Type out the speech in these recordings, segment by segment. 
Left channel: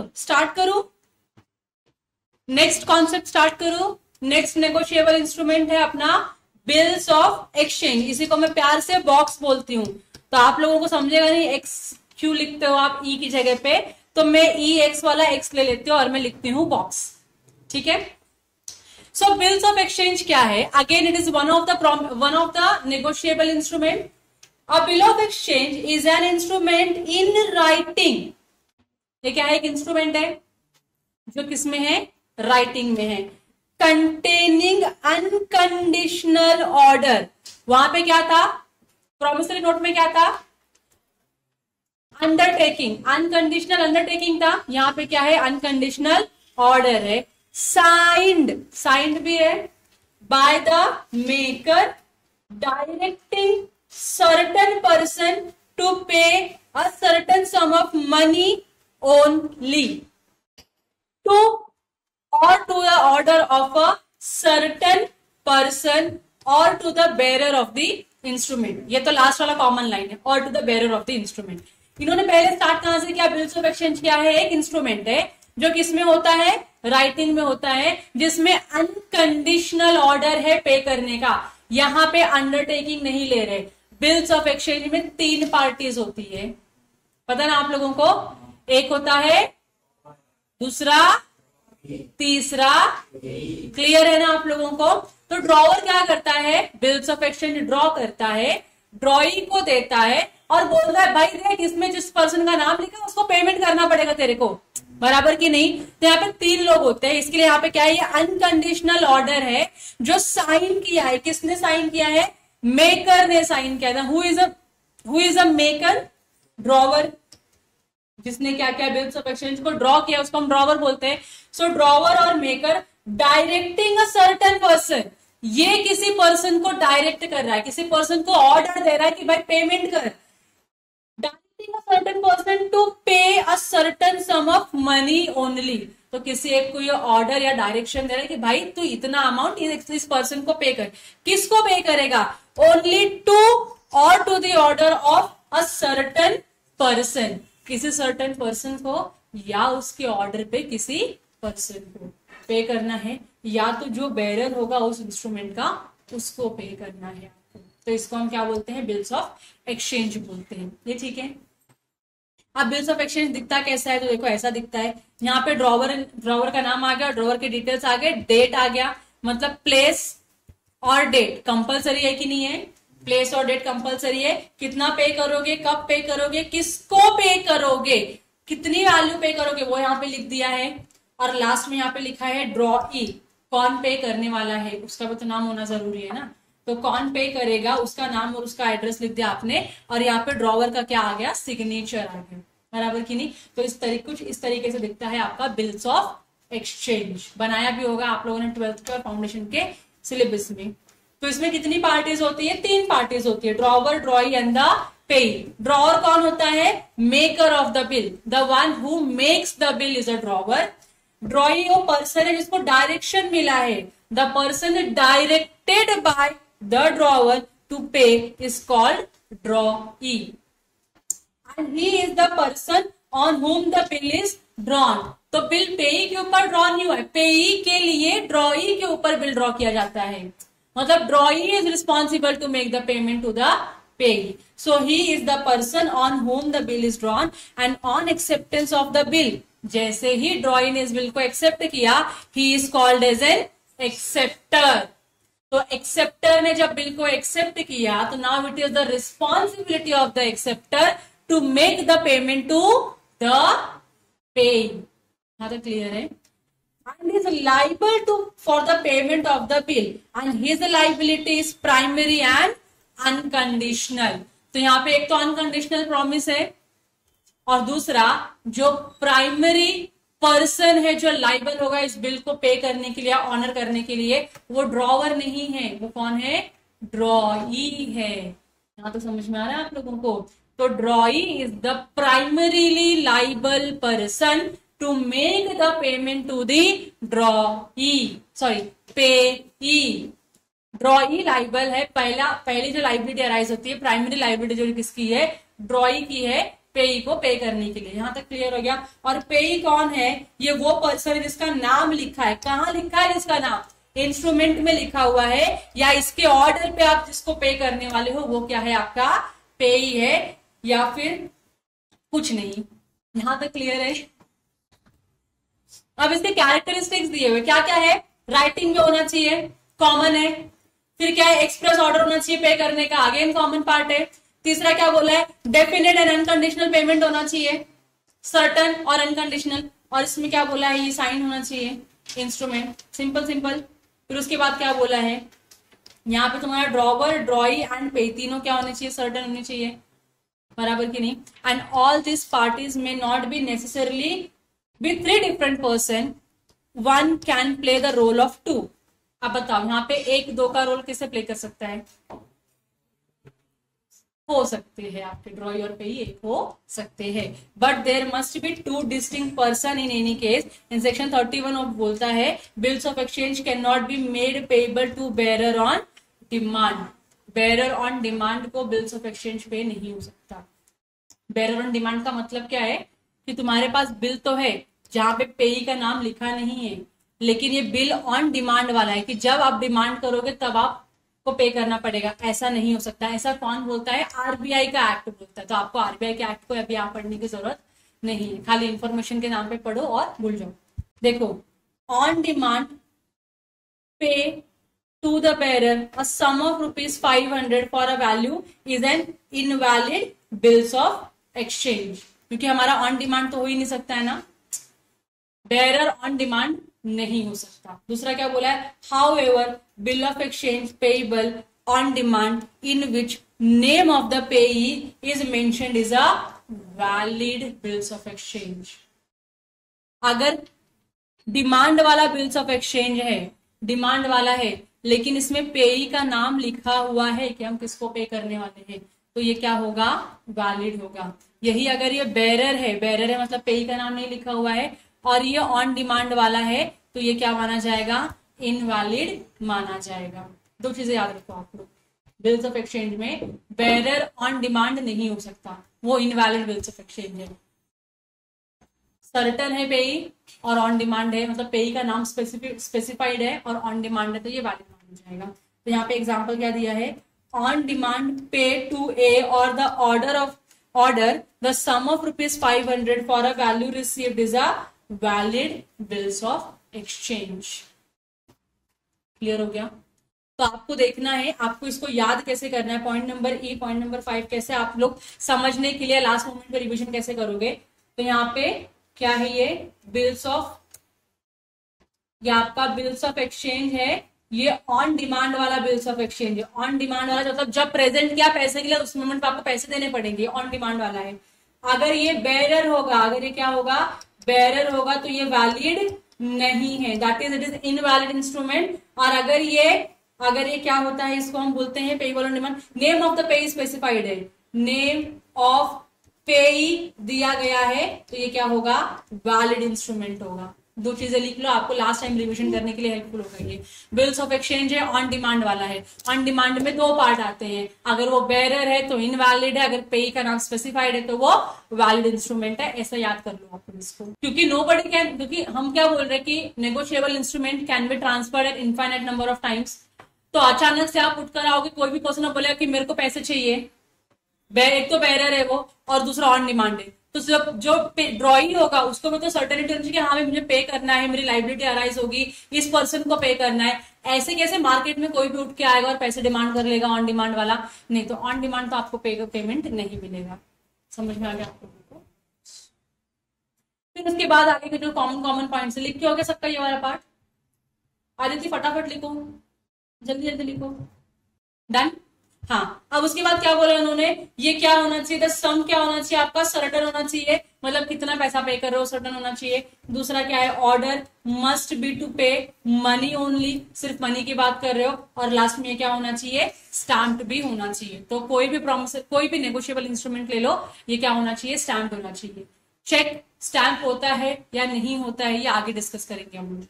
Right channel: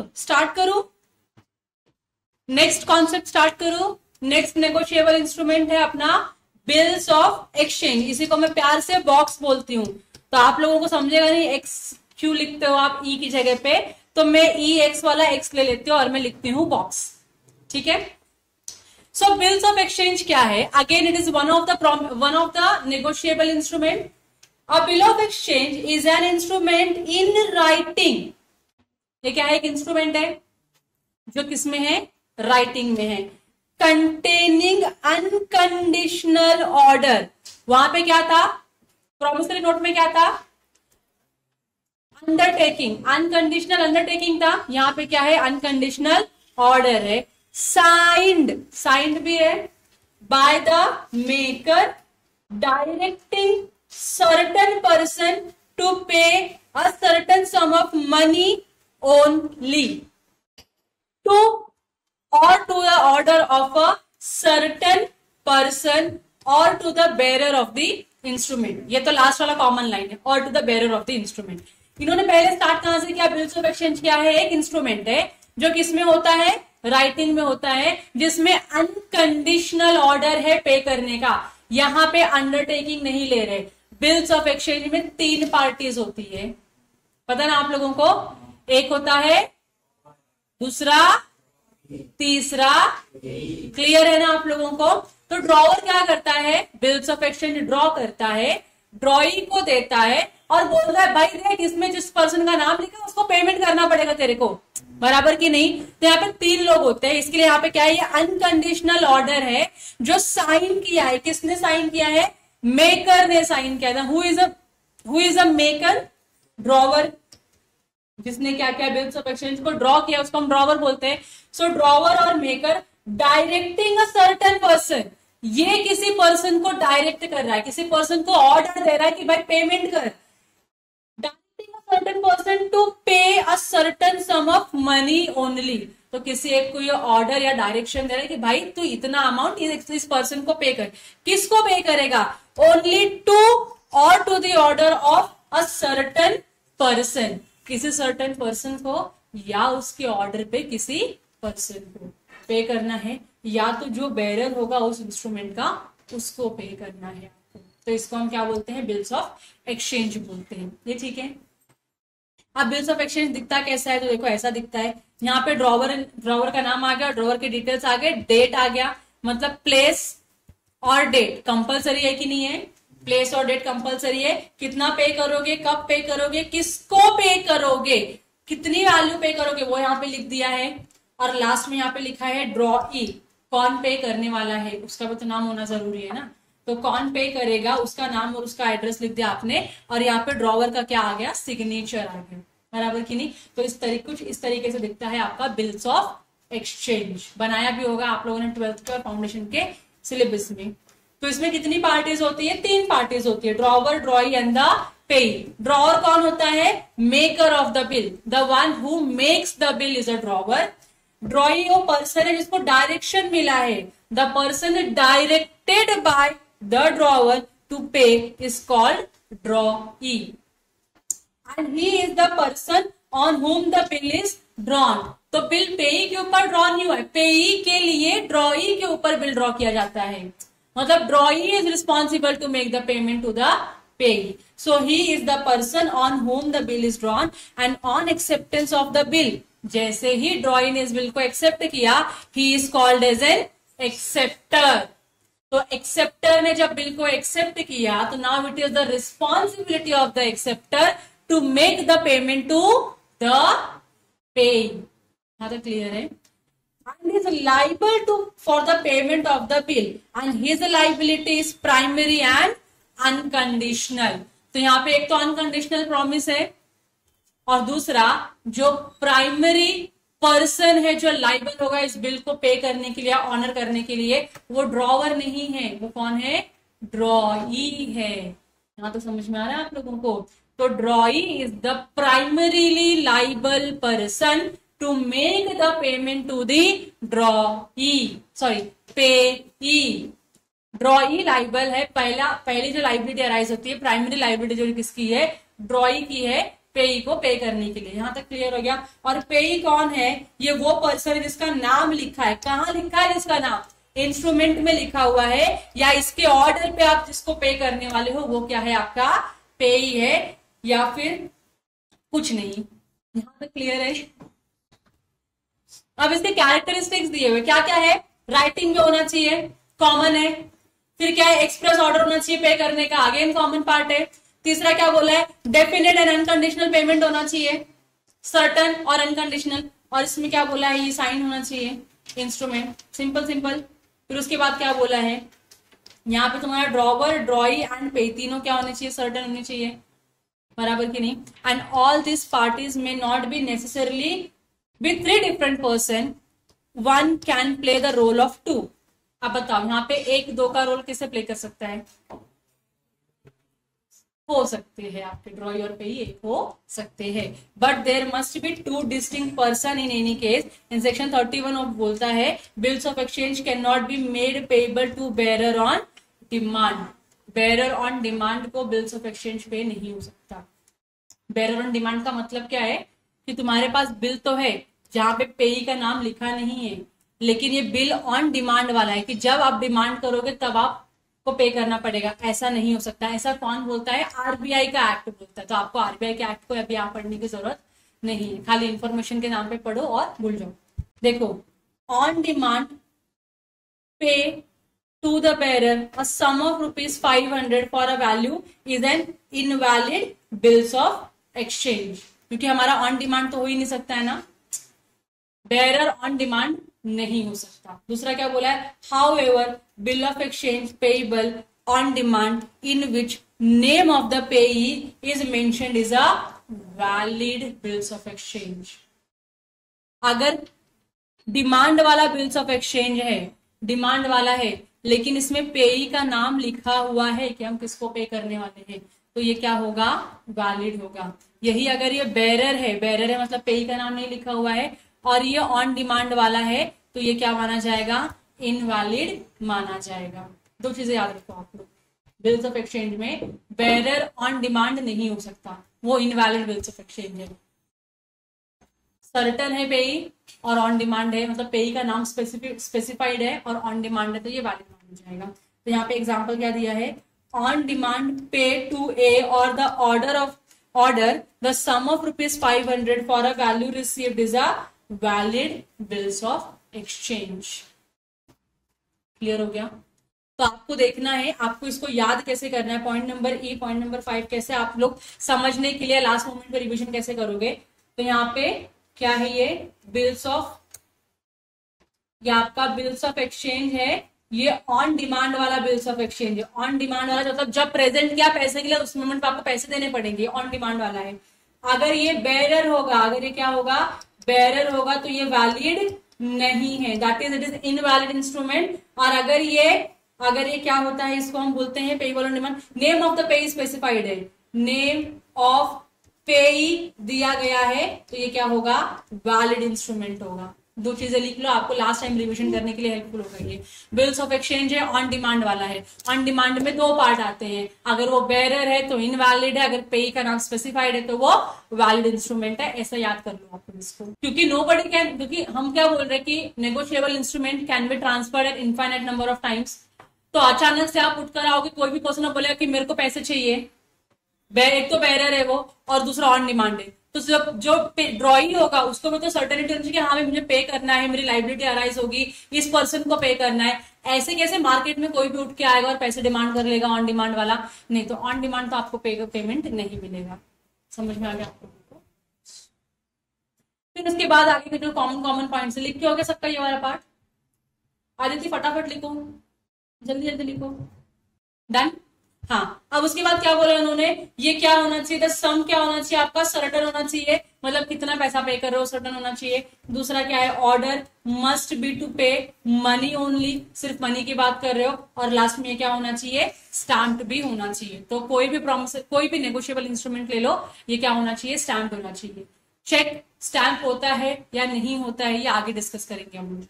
चलो स्टार्ट करो, next concept start करो। नेक्स्ट नेगोशिएबल इंस्ट्रूमेंट है अपना बिल्स ऑफ एक्सचेंज। इसी को मैं प्यार से बॉक्स बोलती हूँ, तो आप लोगों को समझेगा नहीं एक्स क्यों लिखते हो आप ई की जगह पे, तो मैं ई एक्स वाला एक्स ले लेती हूँ और मैं लिखती हूँ बॉक्स। ठीक है, सो बिल्स ऑफ एक्सचेंज क्या है? Again it is one of the negotiable instrument. A bill of exchange is an instrument in writing. ये क्या है? एक इंस्ट्रूमेंट है जो किसमें है? राइटिंग में है। Containing unconditional order. वहां पे क्या था? प्रॉमिसरी नोट में क्या था? अंडरटेकिंग, अनकंडीशनल अंडरटेकिंग था। यहाँ पे क्या है? अनकंडीशनल ऑर्डर है। साइंड भी है by the maker directing certain person to pay a certain sum of money only to or to the order of a certain person or to the bearer of the instrument। ये तो last वाला common line है, or to the bearer of the instrument। इन्होंने पहले start कहां से किया? Bills of exchange क्या है? एक इंस्ट्रूमेंट है जो किसमें होता है? राइटिंग में होता है, जिसमें अनकंडीशनल ऑर्डर है पे करने का। यहाँ पे अंडरटेकिंग नहीं ले रहे। बिल्स ऑफ एक्सचेंज में 3 पार्टीज होती है, पता ना आप लोगों को? एक होता है, दूसरा, तीसरा। क्लियर है ना आप लोगों को? तो ड्रॉवर क्या करता है? बिल्स ऑफ एक्सचेंज ड्रॉ करता है, ड्रॉइंग को देता है और बोल रहा है भाई देख इसमें जिस पर्सन का नाम लिखा उसको पेमेंट करना पड़ेगा तेरे को, बराबर की नहीं? तो यहाँ पे 3 लोग होते हैं, इसके लिए यहाँ पे क्या है? ये अनकंडीशनल ऑर्डर है जो साइन किया है। किसने साइन किया है? मेकर ने साइन किया था। Who is a maker? Drawer. जिसने क्या क्या बिल्स ऑफ एक्सचेंज को ड्रॉ किया उसको हम ड्रॉवर बोलते हैं। सो ड्रॉवर और maker directing a certain person, ये किसी पर्सन को डायरेक्ट कर रहा है, किसी पर्सन को ऑर्डर दे रहा है कि भाई पेमेंट कर। Directing a certain person to pay a certain sum of money only. तो किसी एक को ये ऑर्डर या डायरेक्शन दे रहा है कि भाई तू इतना अमाउंट इस पर्सन को पे कर। किसको पे करेगा? Only to or to the order of a certain person, किसी सर्टेन पर्सन को या उसके ऑर्डर पे किसी पर्सन को पे करना है, या तो जो बेरर होगा उस इंस्ट्रूमेंट का उसको पे करना है। तो इसको हम क्या बोलते हैं? बिल्स ऑफ एक्सचेंज बोलते हैं। ये ठीक है। अब बिल्स ऑफ एक्सचेंज दिखता कैसा है? तो देखो ऐसा दिखता है। यहाँ पे ड्रॉवर का नाम आ गया, ड्रॉवर के डिटेल्स आ गए, डेट आ गया, मतलब प्लेस और डेट कंपलसरी है कि नहीं है? प्लेस और डेट कंपलसरी है। कितना पे करोगे, कब पे करोगे, किसको पे करोगे, कितनी वैल्यू पे करोगे, वो यहाँ पे लिख दिया है। और लास्ट में यहाँ पे लिखा है ड्रॉई, कौन पे करने वाला है उसका भी तो नाम होना जरूरी है ना। तो कौन पे करेगा उसका नाम और उसका एड्रेस लिख दिया आपने, और यहाँ पे ड्रॉवर का क्या आ गया? सिग्नेचर आ गया, बराबर की नहीं? तो कुछ इस तरीके से दिखता है आपका बिल्स ऑफ एक्सचेंज। बनाया भी होगा आप लोगों ने 12th के और फाउंडेशन के सिलेबस में। तो इसमें कितनी पार्टीज होती है? 3 पार्टीज होती है, drawer, drawee and the payee. Drawer कौन होता है? Maker of the bill, the one who makes the bill is a drawer. Drawee वो पर्सन है जिसको डायरेक्शन मिला है, the person directed by the drawer to pay is called drawee, and he is the person on whom the bill is drawn. तो bill payee के ऊपर draw नहीं हुआ है, पेई के लिए ड्रॉई के ऊपर बिल ड्रॉ किया जाता है। मतलब drawee is responsible to make the payment to the payee, so he is the person on whom the bill is drawn, and on acceptance of the bill, जैसे ही ड्रॉई ने इस बिल को accept किया, he is called as an acceptor. तो acceptor ने जब bill को एक्सेप्ट किया तो now it is the responsibility of the acceptor to make the payment to the पेई। हाँ, तो क्लियर है? And is liable for the payment of the bill, and his liability is primary and unconditional। तो यहाँ पे एक तो unconditional promise है, और दूसरा जो प्राइमरी पर्सन है जो लाइबल होगा इस बिल को पे करने के लिए, ऑनर करने के लिए, वो ड्रॉवर नहीं है, वो कौन है? ड्रॉई है। यहाँ तो समझ में आ रहा है आप लोगों को? तो ड्रॉई is the primarily liable person to make the payment to the payee। ड्रॉई liable है, पहली जो लाइबिलिटी अराइज होती है, प्राइमरी लाइबिलिटी जो किसकी है? ड्रॉई की है, पेई को पे करने के लिए। यहां तक क्लियर हो गया। और पेई कौन है? ये वो पर्सन है जिसका नाम लिखा है। कहाँ लिखा है जिसका नाम? इंस्ट्रूमेंट में लिखा हुआ है, या इसके ऑर्डर पे आप जिसको पे करने वाले हो वो क्या है? आपका पेई है, या फिर कुछ नहीं। यहां तक क्लियर है? अब इसके कैरेक्टरिस्टिक्स दिए हुए क्या क्या है? राइटिंग में होना चाहिए, कॉमन है। फिर क्या है? एक्सप्रेस ऑर्डर होना चाहिए पे करने का, अगेन कॉमन पार्ट है। तीसरा क्या बोला है? डेफिनेट एंड अनकंडीशनल पेमेंट होना चाहिए, सर्टन और अनकंडीशनल। और इसमें क्या बोला है? ये साइन होना चाहिए, इंस्ट्रूमेंट, सिंपल सिंपल। फिर उसके बाद क्या बोला है? यहाँ पे तुम्हारा ड्रॉवर, ड्रॉई एंड पे तीनों क्या होने चाहिए? सर्टन होने चाहिए, बराबर की नहीं। एंड ऑल दिस पार्टीज में not be necessarily with 3 different person, one can play the role of 2। अब बताओ यहाँ पे 1-2 का रोल कैसे प्ले कर सकता है? हो सकते हैं आपके ड्रॉई और पे एक हो सकते हैं, but there must be 2 distinct person in any case. In section 31 of बोलता है bills of exchange can not be made payable to bearer on demand. Bearer on demand को बिल्स ऑफ एक्सचेंज पे नहीं हो सकता। बेरर ऑन डिमांड का मतलब क्या है? कि तुम्हारे पास बिल तो है जहां पे पेई का नाम लिखा नहीं है, लेकिन ये बिल ऑन डिमांड वाला है कि जब आप डिमांड करोगे तब आप को पे करना पड़ेगा। ऐसा नहीं हो सकता। ऐसा कौन बोलता है? आरबीआई का एक्ट बोलता है। तो आपको आरबीआई के एक्ट को अभी यहाँ पढ़ने की जरूरत नहीं है, खाली इंफॉर्मेशन के नाम पे पढ़ो और भूल जाओ। देखो, on demand pay to the bearer a sum of ₹500 for a value is an invalid bills of exchange. क्योंकि हमारा ऑन डिमांड तो हो ही नहीं सकता है ना, बेरर ऑन डिमांड नहीं हो सकता। दूसरा क्या बोला है? However bill of exchange payable on demand in which name of the payee is mentioned is a valid bills of exchange. अगर डिमांड वाला बिल्स ऑफ एक्सचेंज है, डिमांड वाला है, लेकिन इसमें पेई का नाम लिखा हुआ है कि हम किसको पे करने वाले हैं, तो ये क्या होगा? वैलिड होगा। यही अगर ये बेरर है मतलब पेई का नाम नहीं लिखा हुआ है, और ये ऑन डिमांड वाला है, तो ये क्या माना जाएगा? इनवैलिड माना जाएगा। 2 चीजें याद रखो आप लोग, बिल्स ऑफ एक्सचेंज में बेरर ऑन डिमांड नहीं हो सकता, वो इनवैलिड बिल्स ऑफ एक्सचेंज है। सर्टन है पेई और ऑन डिमांड है, मतलब पेई का नाम स्पेसिफाइड है और ऑन डिमांड है, तो ये वैलिड माना जाएगा। तो यहाँ पे एग्जाम्पल क्या दिया है? On demand pay to A or the order the sum of ₹500 for a value received is a valid bills of exchange. Clear हो गया? तो आपको देखना है, आपको इसको याद कैसे करना है, point number E, point number 5 कैसे आप लोग समझने के लिए लास्ट मोमेंट पे रिवीजन कैसे करोगे। तो यहाँ पे क्या है? ये बिल्स ऑफ, ये आपका बिल्स ऑफ एक्सचेंज है, ये ऑन डिमांड वाला बिल्स ऑफ एक्सचेंज है। ऑन डिमांड वाला मतलब जब प्रेजेंट किया पैसे के लिए, उस मोमेंट पे आपको पैसे देने पड़ेंगे, ऑन डिमांड वाला है। अगर ये बेरर होगा, अगर ये क्या होगा? बेरर होगा, तो ये वैलिड नहीं है, that is it is invalid instrument. और अगर ये क्या होता है? इसको हम बोलते हैं payable on demand. Name of the पेई स्पेसिफाइड है, नेम ऑफ पेई दिया गया है, तो ये क्या होगा? वैलिड इंस्ट्रूमेंट होगा। 2 चीजें लिख लो, आपको लास्ट टाइम रिविजन करने के लिए हेल्पफुल होगा। ये बिल्स ऑफ एक्सचेंज है, ऑन डिमांड वाला है। ऑन डिमांड में 2 पार्ट आते हैं, अगर वो बेरर है तो इनवैलिड है, अगर पेई का नाम स्पेसिफाइड है तो वो वैलिड इंस्ट्रूमेंट है। ऐसा याद कर लो आप इसको, क्योंकि नोबडी कैन, क्योंकि हम क्या बोल रहे हैं कि negotiable instrument can be transferred eight infinite number of times. तो अचानक से आप उठकर आओगे, कोई भी पर्सन बोलेगा कि मेरे को पैसे चाहिए, एक तो बेरर है वो और दूसरा ऑन डिमांड है, तो जो ड्रॉइंग होगा उसको मैं तो सर्टेनिटी होनी चाहिए कि हाँ मुझे पे करना है, मेरी लाइबिलिटी अराइज होगी, इस पर्सन को पे करना है। ऐसे कैसे मार्केट में कोई भी उठ के आएगा और पैसे डिमांड कर लेगा ऑन डिमांड वाला? नहीं, तो ऑन डिमांड तो आपको पेमेंट नहीं मिलेगा। समझ में आ गया आप लोगों को? फिर उसके बाद आगे के जो कॉमन पॉइंट्स लिख के हो गया सबका ये वाला पार्ट। आदित्य फटाफट लिखो, जल्दी जल्दी लिखो। डन? हाँ, अब उसके बाद क्या बोला उन्होंने? ये क्या होना चाहिए? सम क्या होना चाहिए आपका? सर्टन होना चाहिए, मतलब कितना पैसा पे कर रहे हो सर्टन होना चाहिए। दूसरा क्या है? Order must be to pay money only, सिर्फ मनी की बात कर रहे हो। और लास्ट में क्या होना चाहिए? स्टैम्प्ड भी होना चाहिए। तो कोई भी प्रॉमिस, कोई भी नेगोशिएबल इंस्ट्रूमेंट ले लो, ये क्या होना चाहिए? स्टैम्प्ड होना चाहिए। चेक स्टैम्प होता है या नहीं होता है, ये आगे डिस्कस करेंगे हम लोग,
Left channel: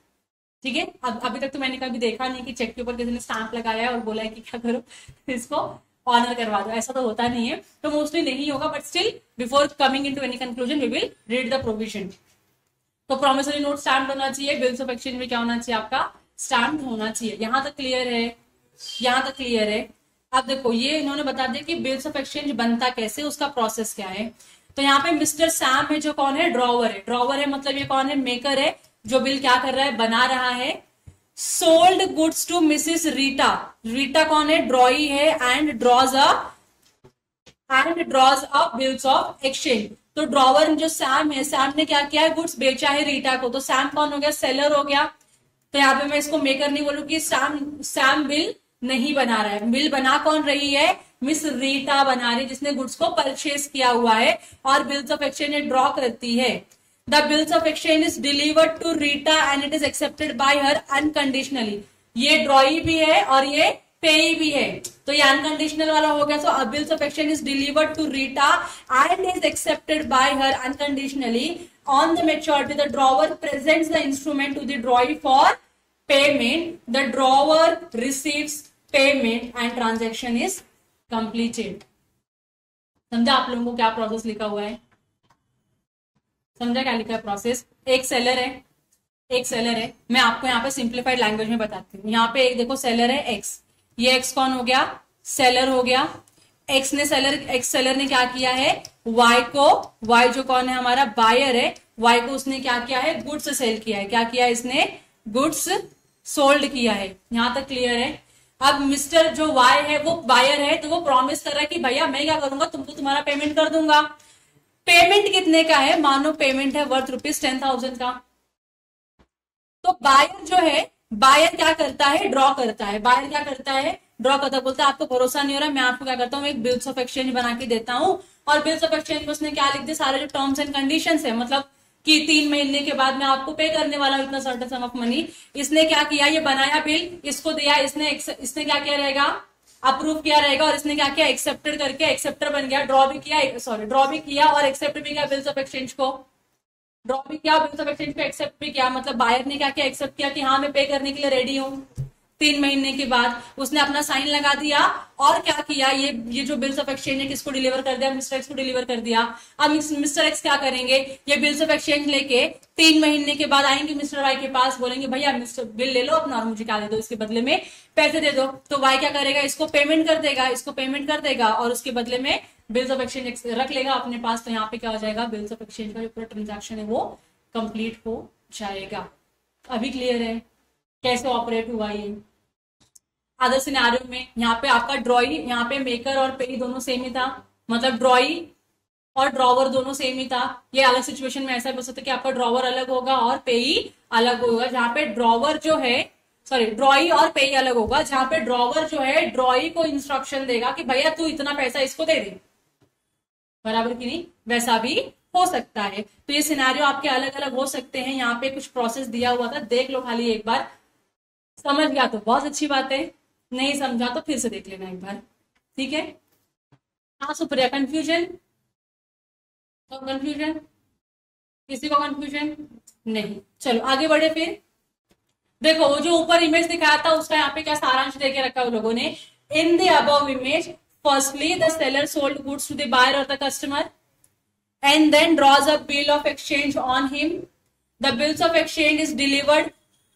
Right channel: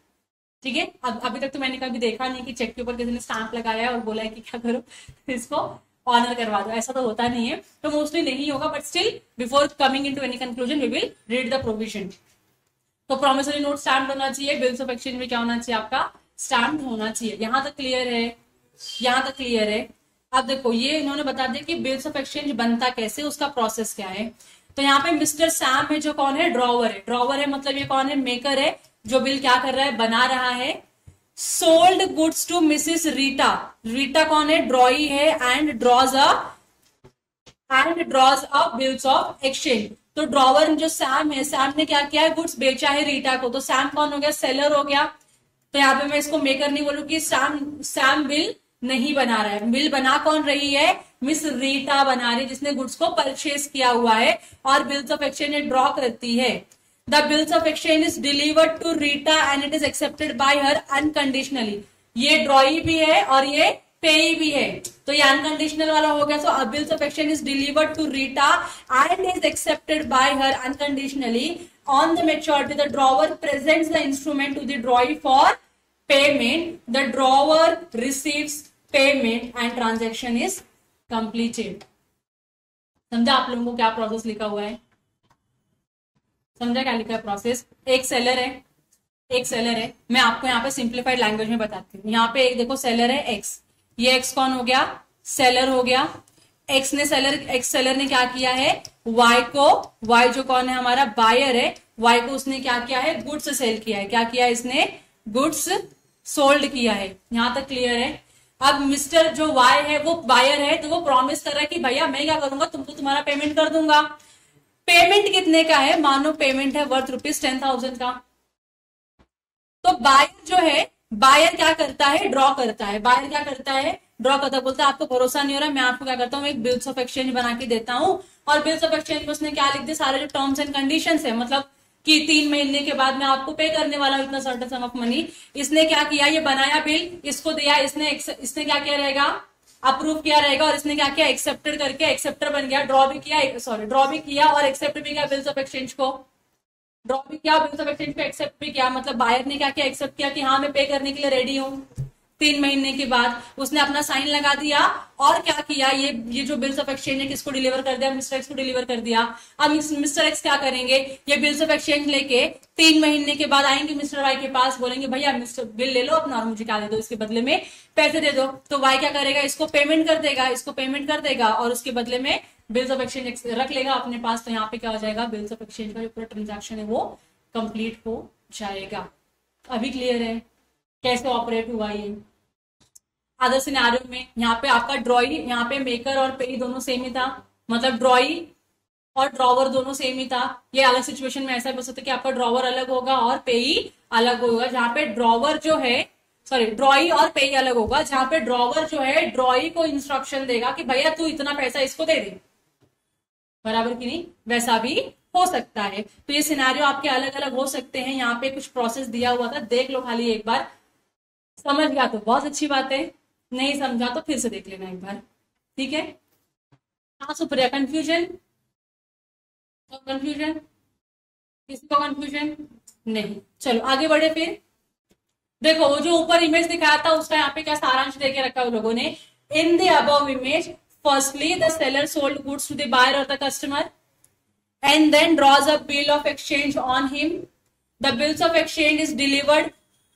ठीक है। अब अभी तक तो मैंने कभी देखा नहीं कि चेक के ऊपर किसी ने स्टैंप लगाया है और बोला है कि क्या करो इसको। ऑनर करवा दो, ऐसा तो होता नहीं है, तो मोस्टली नहीं होगा, but still before coming into any conclusion we will read the provision. तो प्रॉमिसरी नोट स्टैम्प होना चाहिए, बिल्स ऑफ एक्सचेंज में क्या होना चाहिए आपका स्टैम्प होना चाहिए। यहां तक क्लियर है, यहां तक क्लियर है। अब देखो ये इन्होंने बता दिया कि बिल्स ऑफ एक्सचेंज बनता कैसे, उसका प्रोसेस क्या है। तो यहाँ पे मिस्टर सैम है जो कौन है, ड्रॉवर है। ड्रॉवर है मतलब ये कौन है, मेकर है, जो बिल क्या कर रहा है, बना रहा है। Sold goods to Mrs Rita, Rita कौन है, ड्रॉई है, and draws a bills of exchange. तो ड्रॉवर जो सैम है, सैम ने क्या किया है, गुड्स बेचा है रीटा को, तो सैम कौन हो गया, सेलर हो गया। तो यहाँ पे मैं इसको मेकर नहीं बोलूंगी, सैम बिल नहीं बना रहा है, बिल बना कौन रही है, मिस रीटा बना रही, जिसने गुड्स को परचेज किया हुआ है और बिल्स ऑफ एक्सचेंज ड्रॉ करती है। The bills of exchange is delivered to Rita and it is accepted by her unconditionally. ये ड्रॉई भी है और ये पेई भी है, तो ये अनकंडीशनल वाला हो गया। So bills of exchange is delivered to Rita and is accepted by her unconditionally. On the maturity the drawer presents the instrument to the drawee for payment, the drawer receives payment and transaction is completed. समझा आप लोगों को क्या process लिखा हुआ है, समझा क्या लिखा है प्रोसेस। एक सेलर है, एक सेलर है, मैं आपको यहाँ पे सिंप्लीफाइड लैंग्वेज में बताती हूँ। यहाँ पे एक देखो सेलर है एक्स, ये एक्स कौन हो गया, सेलर हो गया। एक्स सेलर ने क्या किया है, वाई को, वाई जो कौन है हमारा बायर है, वाई को उसने क्या किया है, गुड्स सेल किया है। क्या किया है इसने, गुड्स सोल्ड किया है। यहां तक क्लियर है। अब मिस्टर जो वाई है वो बायर है, तो वो प्रॉमिस कर रहा है कि भैया मैं क्या करूंगा, तुमको तुम्हारा पेमेंट कर दूंगा। पेमेंट कितने का है, मानो पेमेंट है वर्थ ₹10,000 का। तो बायर जो है, बायर क्या करता है, ड्रॉ करता है। बायर क्या करता है, ड्रॉ करता है, बोलता है आपको भरोसा नहीं हो रहा, मैं आपको क्या करता हूँ, एक बिल्स ऑफ एक्सचेंज बना के देता हूँ। और बिल्स ऑफ एक्सचेंज में उसने क्या लिख दिया, सारे जो टर्म्स एंड कंडीशंस है, मतलब कि 3 महीने के बाद मैं आपको पे करने वाला हूं इतना सर्टेन सम ऑफ मनी। इसने क्या किया, ये बनाया बिल, इसको दिया, इसने क्या किया रहेगा, अप्रूव किया रहेगा, और इसने क्या किया, एक्सेप्टेड करके एक्सेप्टर बन गया, ड्रॉ भी किया और एक्सेप्ट भी किया बिल्स ऑफ एक्सचेंज को, ड्रॉ भी किया, बिल्स ऑफ एक्सचेंज को एक्सेप्ट भी किया। मतलब बायर ने क्या किया, एक्सेप्ट किया कि हाँ मैं पे करने के लिए रेडी हूँ। 3 महीने के बाद उसने अपना साइन लगा दिया और क्या किया, ये जो बिल्स ऑफ एक्सचेंज है किसको डिलीवर कर दिया, मिस्टर एक्स को डिलीवर कर दिया। अब मिस्टर एक्स क्या करेंगे, ये बिल्स ऑफ एक्सचेंज लेके 3 महीने के बाद आएंगे मिस्टर वाई के पास, बोलेंगे भैया मिस्टर बिल ले लो अपना और मुझे क्या दे दो, इसके बदले में पैसे दे दो। तो वाई क्या करेगा, इसको पेमेंट कर देगा और उसके बदले में बिल्स ऑफ एक्सचेंज रख लेगा अपने पास। तो यहाँ पे क्या हो जाएगा, बिल्स ऑफ एक्सचेंज का जो पूरा ट्रांजेक्शन है वो कंप्लीट हो जाएगा। अभी क्लियर है कैसे ऑपरेट हुआ ये। अदर सिनेरियो में यहाँ पे आपका ड्रॉई, यहाँ पे मेकर और पेई दोनों सेम ही था, मतलब ड्रॉई और ड्रॉवर दोनों सेम ही था। ये अलग सिचुएशन में ऐसा हो सकता है कि आपका ड्रॉवर अलग होगा और पेई अलग होगा, जहाँ पे ड्रॉवर जो है ड्रॉई और पेई अलग होगा, जहाँ पे ड्रॉवर जो है ड्रॉई को इंस्ट्रक्शन देगा कि भैया तू इतना पैसा इसको दे दे, बराबर की नहीं, वैसा भी हो सकता है। तो ये सिनेरियो आपके अलग अलग हो सकते हैं। यहाँ पे कुछ प्रोसेस दिया हुआ था, देख लो खाली एक बार, समझ गया तो बहुत अच्छी बात है, नहीं समझा तो फिर से देख लेना एक बार, ठीक है। हाँ सुप्रिया, कंफ्यूजन तो कंफ्यूजन, किसी को कंफ्यूजन नहीं, चलो आगे बढ़े। फिर देखो जो ऊपर इमेज दिखाया था उसका यहाँ पे क्या सारांश देके रखा उन लोगों ने। In the above image firstly the seller sold goods to the buyer और the customer and then draws a bill of exchange on him. The bills of exchange is delivered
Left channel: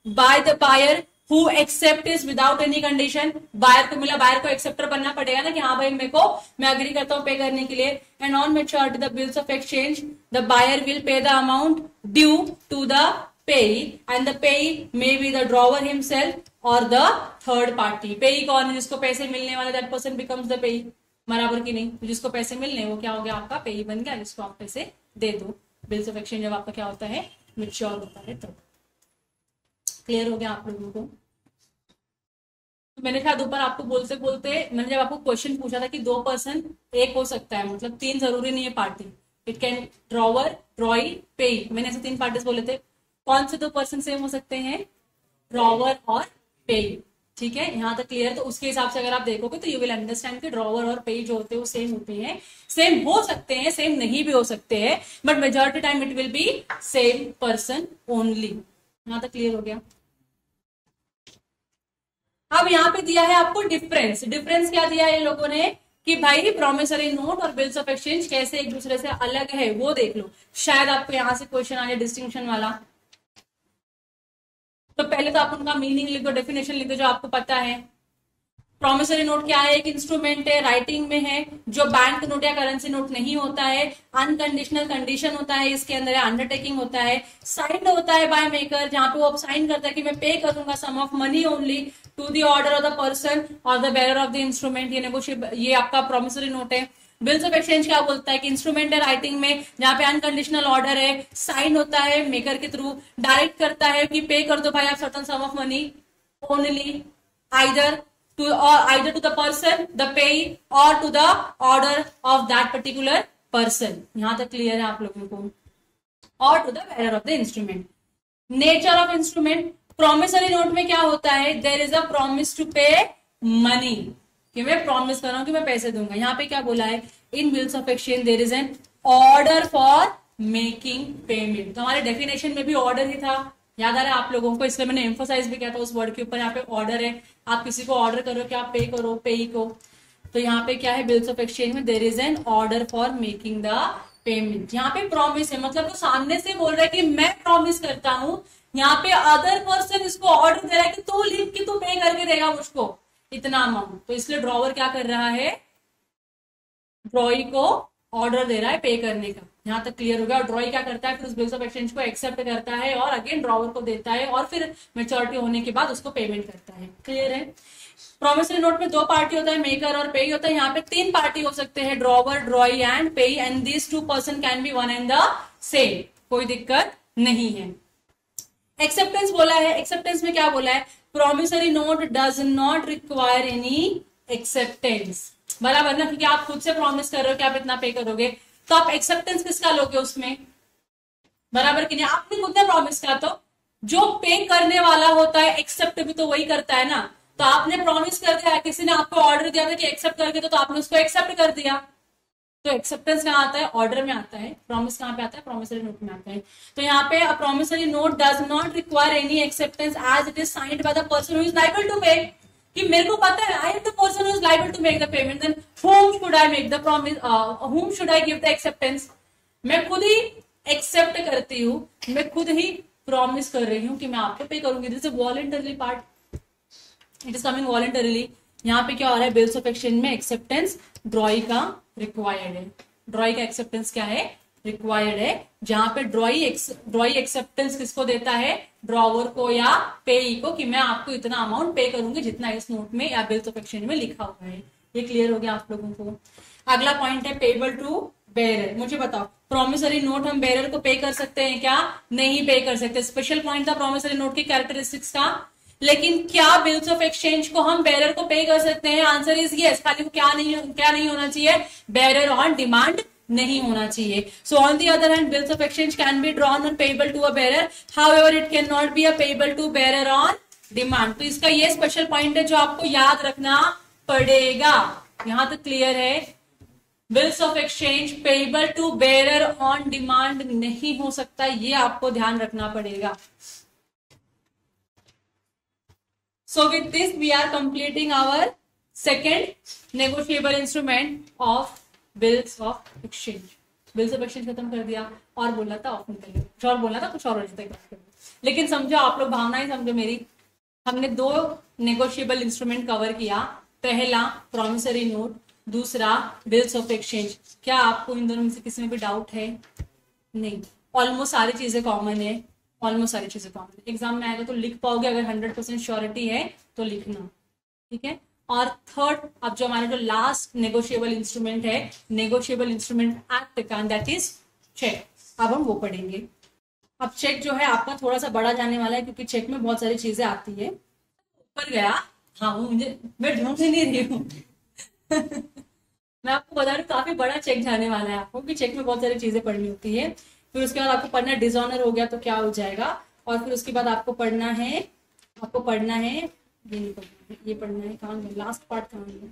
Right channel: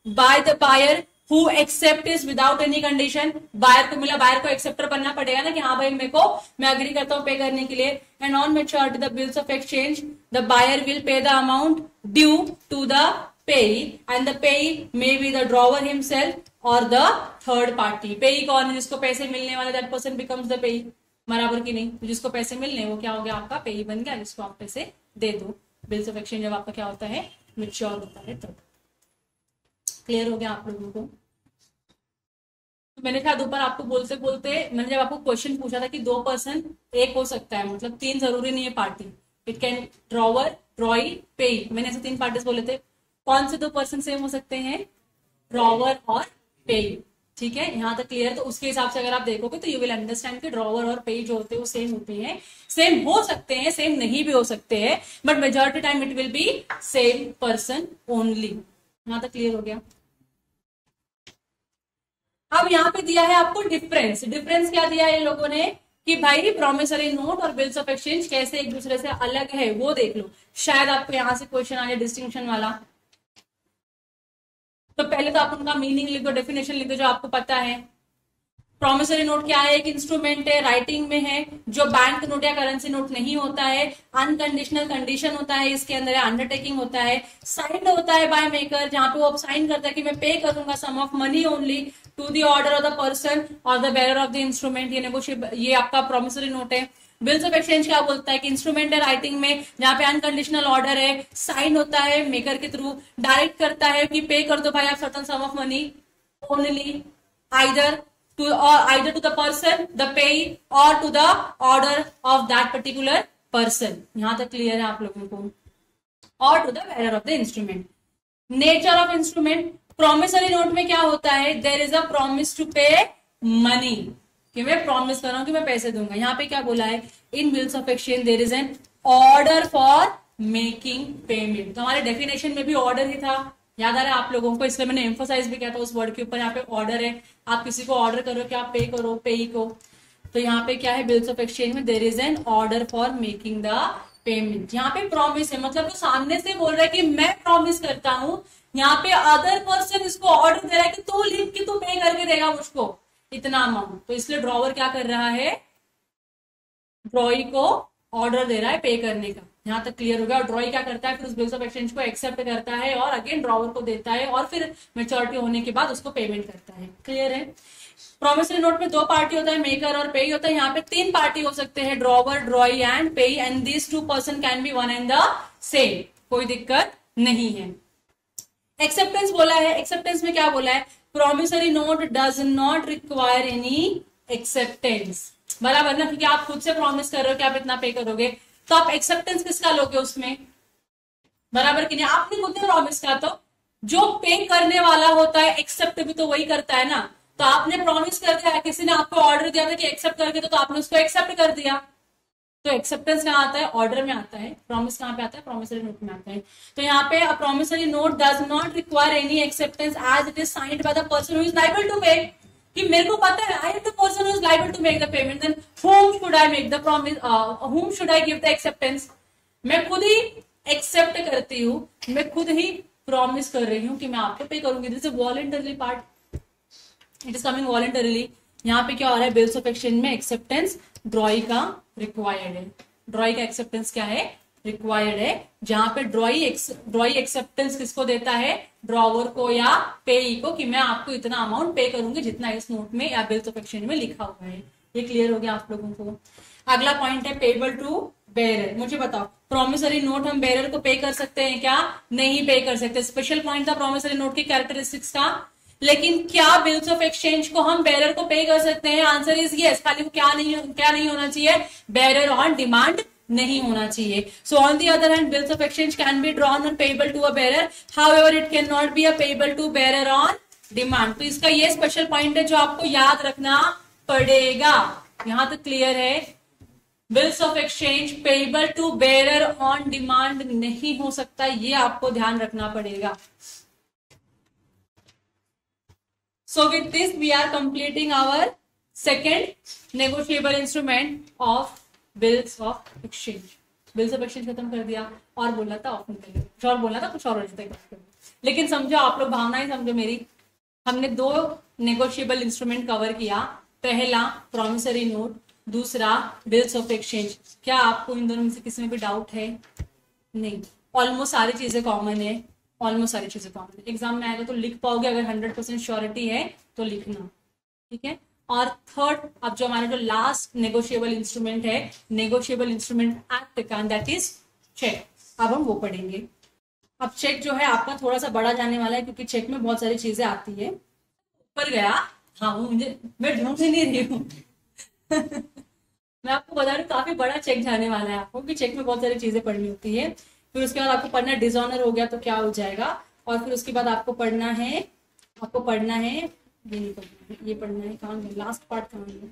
by the buyer who accept is without any condition. Buyer को मिला, buyer को acceptor बनना पड़ेगा ना कि हाँ भाई मैं अग्री करता हूँ पे करने के लिए। And on maturity the bills of exchange, the buyer will pay the amount due to the payee and the payee may be the drawer himself or the third party. payee कौन है, जिसको पैसे मिलने वाले, that person becomes the payee, बराबर की नहीं। तो जिसको पैसे मिलने वो क्या हो गया, आपका पेई बन गया, जिसको आप पैसे दे दो। बिल्स ऑफ एक्सचेंज जब आपका क्या होता है, मैच्योर होता है। तो क्लियर हो गया आप लोगों को। तो मैंने शायद ऊपर आपको बोलते बोलते मैंने जब आपको क्वेश्चन पूछा था कि 2 पर्सन एक हो सकता है, मतलब 3 जरूरी नहीं है पार्टी, इट कैन ड्रॉवर, ड्रॉई, पेई, मैंने ऐसे 3 पार्टीज बोले थे। कौन से 2 पर्सन सेम हो सकते हैं, ड्रॉवर और पेई, ठीक है। यहाँ तक क्लियर है। तो उसके हिसाब से अगर आप देखोगे तो यू विल अंडरस्टैंड कि ड्रॉवर और पेई जो होते हैं वो सेम होते हैं, सेम हो सकते हैं, सेम नहीं भी हो सकते हैं, but majority time it will be same person only. यहाँ तक क्लियर हो गया। अब यहाँ पे दिया है आपको डिफरेंस। डिफरेंस क्या दिया है इन लोगों ने, कि भाई प्रॉमिसरी नोट और बिल्स ऑफ एक्सचेंज कैसे एक दूसरे से अलग है वो देख लो, शायद आपको यहां से क्वेश्चन आ जाए डिस्टिंक्शन वाला। तो पहले तो आप उनका मीनिंग लिख दो, डेफिनेशन लिख दो जो आपको पता है। प्रॉमिसरी नोट क्या है? एक इंस्ट्रूमेंट है, राइटिंग में है, जो बैंक नोट या करेंसी नोट नहीं होता है, अनकंडीशनल कंडीशन होता है, इसके अंदर अंडरटेकिंग होता है, साइंड होता है बाय मेकर, जहां पे वो अब साइन करता है कि मैं पे करूंगा sum of money only to the order of the person और the bearer of the instrument. ये आपका प्रॉमिसरी नोट है। बिल्स ऑफ एक्सचेंज क्या बोलता है कि इंस्ट्रूमेंट है राइटिंग में, जहां पे अनकंडीशनल ऑर्डर है, साइन होता है मेकर के थ्रू, डायरेक्ट करता है कि पे कर दो भाई आप certain sum of money only either to either to the person, the payee or to the order of that particular person। यहां तक क्लियर है आप लोगों को? और to the bearer of the instrument। Nature of instrument, promissory note में क्या होता है? There is a promise to pay money, कि मैं प्रॉमिस कर रहा हूं कि मैं पैसे दूंगा। यहाँ पे क्या बोला है? In bills of exchange there is an order for making payment. तो हमारे डेफिनेशन में भी ऑर्डर ही था, याद आ रहा है आप लोगों को, इसलिए मैंने एम्फोसाइज भी किया था उस वर्ड के ऊपर। यहाँ पे ऑर्डर है, आप किसी को ऑर्डर करो कि आप पे करो, पेई को। तो यहाँ पे क्या है? बिल्स ऑफ एक्सचेंज में there is an order for making the payment. यहाँ पे प्रॉमिस है, मतलब वो सामने से बोल रहा है कि मैं प्रॉमिस करता हूँ, यहाँ पे अदर पर्सन इसको ऑर्डर दे रहा है कि तू लिख के तू पे करके देगा मुझको इतना अमाउंट। तो इसलिए ड्रॉवर क्या कर रहा है? ड्रॉई को ऑर्डर दे रहा है पे करने का। यहाँ तक क्लियर हो गया? और ड्रॉई क्या करता है? फिर उस बिल्स ऑफ एक्सचेंज को एक्सेप्ट करता है और अगेन ड्रॉवर को देता है और फिर मैच्योरिटी होने के बाद उसको पेमेंट करता है। क्लियर है? प्रॉमिसरी नोट में दो पार्टी होता है, मेकर और पेई होता है। यहाँ पे तीन पार्टी हो सकते हैं, drawer, drawee and payee, and this two person can be one and the same, कोई दिक्कत नहीं है। एक्सेप्टेंस बोला है, एक्सेप्टेंस में क्या बोला है? Promissory note does not require any acceptance, बराबर ना, क्योंकि आप खुद से प्रॉमिस कर रहे हो कि आप इतना पे करोगे, तो आप एक्सेप्टेंस किसका लोगे उसमें? बराबर कि नहीं? आपने खुद ने प्रॉमिस किया, तो जो पे करने वाला होता है एक्सेप्ट भी तो वही करता है ना। तो आपने प्रॉमिस कर दिया, किसी ने आपको ऑर्डर दिया था कि एक्सेप्ट कर दो, तो आपने उसको एक्सेप्ट कर दिया। तो एक्सेप्टेंस कहाँ आता है? ऑर्डर में आता है। प्रॉमिस कहाँ पे आता है? प्रॉमिसरी नोट में आता है। तो यहाँ पे a promissory note does not require any acceptance as it is signed by the person who is liable to pay. कि मेरे को पता है I am the person who is liable to make the payment, then whom should I make the promise, whom should I give the acceptance? मैं खुद ही accept करती हूँ, मैं खुद ही प्रॉमिस कर रही हूँ कि मैं आपको पे करूंगी। This is voluntarily part, it is coming voluntarily. यहाँ पे क्या हो रहा है? बिल्स ऑफ एक्सचेंज में एक्सेप्टेंस ड्रॉई का रिक्वायर्ड है। ड्रॉई का एक्सेप्टेंस क्या है? रिक्वायर्ड है। जहां पे ड्रॉई एक्सेप्टेंस किसको देता है? ड्रॉवर को या पेई को, कि मैं आपको इतना अमाउंट पे करूंगी जितना इस नोट में या बिल्स ऑफ एक्सचेंज में लिखा हुआ है। ये क्लियर हो गया आप लोगों को? अगला पॉइंट है पेबल टू बेरर। मुझे बताओ, प्रॉमिसरी नोट हम बेरर को पे कर सकते हैं क्या? नहीं पे कर सकते। स्पेशल पॉइंट था प्रॉमिसरी नोट की कैरेक्टरिस्टिक्स का। लेकिन क्या बिल्स ऑफ एक्सचेंज को हम बेरर को पे कर सकते हैं? Answer is yes. खाली क्या नहीं होना चाहिए? बेरर ऑन डिमांड नहीं होना चाहिए। So on the other hand bills of exchange can be drawn on payable to a bearer, however it can not be a payable to bearer on demand. तो इसका ये स्पेशल पॉइंट है जो आपको याद रखना पड़ेगा। यहां तक क्लियर है? Bills of exchange payable to bearer on demand नहीं हो सकता, ये आपको ध्यान रखना पड़ेगा। So with this we are completing our second negotiable instrument of bills of exchange। Bills of exchange खत्म कर दिया और बोला था ऑफ निकल गया, कुछ और बोला था, कुछ और लेकिन समझो आप लोग, भावनाएं समझो मेरी। हमने दो नेगोशिएबल इंस्ट्रूमेंट कवर किया, पहला प्रॉमिसरी नोट, दूसरा बिल्स ऑफ एक्सचेंज। क्या आपको इन दोनों में से किसी में भी डाउट है? नहीं, ऑलमोस्ट सारी चीजें कॉमन है, ऑलमोस्ट सारी चीजें कॉमन है। एग्जाम में आएगा तो लिख पाओगे, अगर 100% श्योरिटी है तो लिखना, ठीक है। और थर्ड, अब जो हमारा जो लास्ट नेगोशिएबल इंस्ट्रूमेंट है, नेगोशिएबल इंस्ट्रूमेंट एक्ट का, दैट इज चेक। अब हम वो पढ़ेंगे। अब चेक जो है आपका थोड़ा सा बड़ा जाने वाला है, क्योंकि चेक में बहुत सारी चीजें आती है। ऊपर गया, हाँ वो मुझे, मैं ढूंढ नहीं रही हूँ मैं आपको बता रही हूँ, काफी बड़ा चेक जाने वाला है आपको, क्योंकि चेक में बहुत सारी चीजें पढ़नी होती है। फिर उसके बाद आपको पढ़ना है डिसऑनर हो गया तो क्या हो जाएगा, और फिर उसके बाद आपको पढ़ना है ये पढ़ना है कहाँ, लास्ट पार्ट कहाँ है,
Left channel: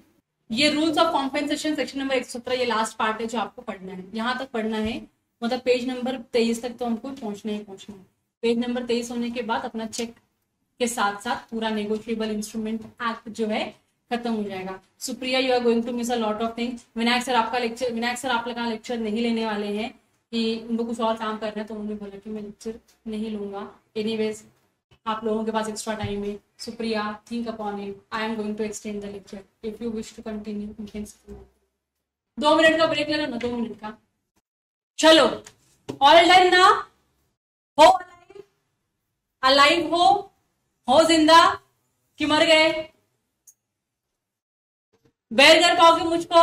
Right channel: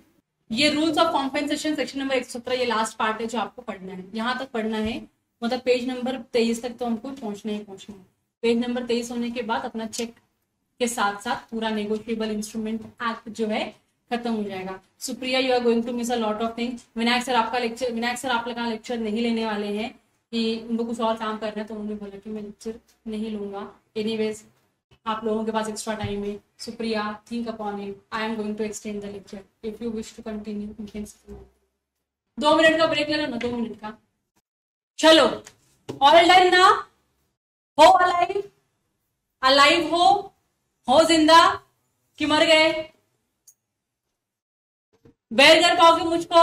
ये rules of compensation section number 117, ये लास्ट पार्ट है जो आपको पढ़ना है। यहाँ तक पढ़ना है, मतलब पेज नंबर 23 तक तो हमको पहुंचना है। पेज नंबर 23 होने के बाद अपना चेक के साथ साथ पूरा नेगोशिएबल इंस्ट्रूमेंट एक्ट जो है खत्म हो जाएगा। Supriya, you are going to miss a lot of things. Vinayak sir आपका लेक्चर नहीं लेने वाले हैं कि उनको कुछ और काम करना है, तो उन्होंने बोला कि मैं लेक्चर नहीं लूंगा। एनीवेज आप लोगों के पास एक्स्ट्रा टाइम है। Supriya, think upon it, I am going to extend the lecture, if you wish to continue you can. 2 minute का ब्रेक ले लेना, 2 मिनट का। चलो, ऑल डन ना? हो अलाइव? अलाइव हो जिंदा कि मर गए? बेर कर पाओगे मुझको?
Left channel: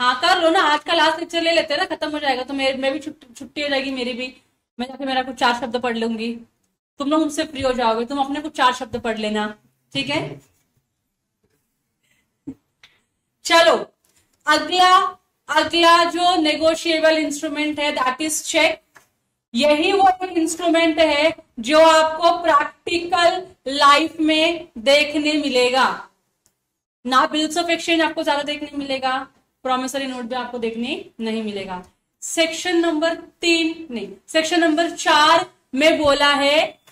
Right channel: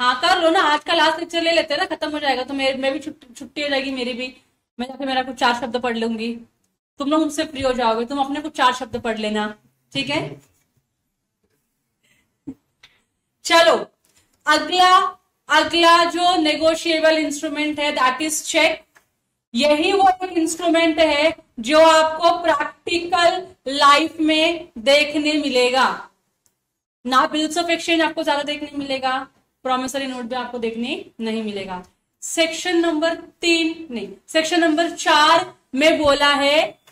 हाँ कर लो ना, आज का लास्ट लेक्चर ले लेते हैं ना, खत्म हो जाएगा तो मैं भी छुट्टी हो जाएगी मेरी भी। मैं जाके मेरा कुछ 4 शब्द पढ़ लूंगी, तुम लोग मुझसे फ्री हो जाओगे, तुम अपने कुछ 4 शब्द पढ़ लेना, ठीक है? चलो, अगला जो नेगोशिएबल इंस्ट्रूमेंट है दैट इज चेक। यही वो एक इंस्ट्रूमेंट है जो आपको प्रैक्टिकल लाइफ में देखने मिलेगा ना। बिल्स ऑफ एक्सचेंज आपको ज्यादा देखने मिलेगा, प्रॉमिसरी नोट भी आपको देखने नहीं मिलेगा। सेक्शन नंबर 4 में बोला है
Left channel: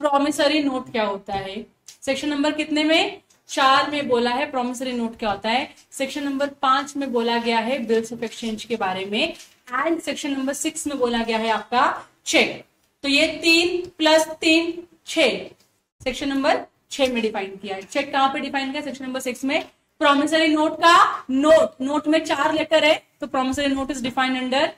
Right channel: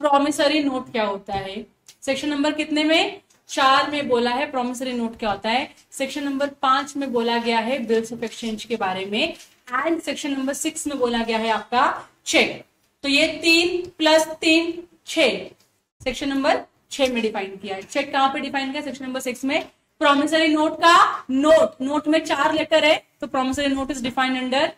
प्रॉमिसरी नोट क्या होता है। सेक्शन नंबर कितने में? 4 में बोला है प्रॉमिसरी नोट क्या होता है। सेक्शन नंबर 5 में बोला गया है बिल्स ऑफ एक्सचेंज के बारे में, एंड सेक्शन नंबर 6 में बोला गया है आपका चेक। तो ये 3 + 3 6 सेक्शन नंबर 6 में डिफाइन किया है। चेक कहां पे डिफाइन किया? सेक्शन नंबर 6 में। प्रॉमिसरी नोट का नोट में 4 लेटर है, तो promissory note is defined under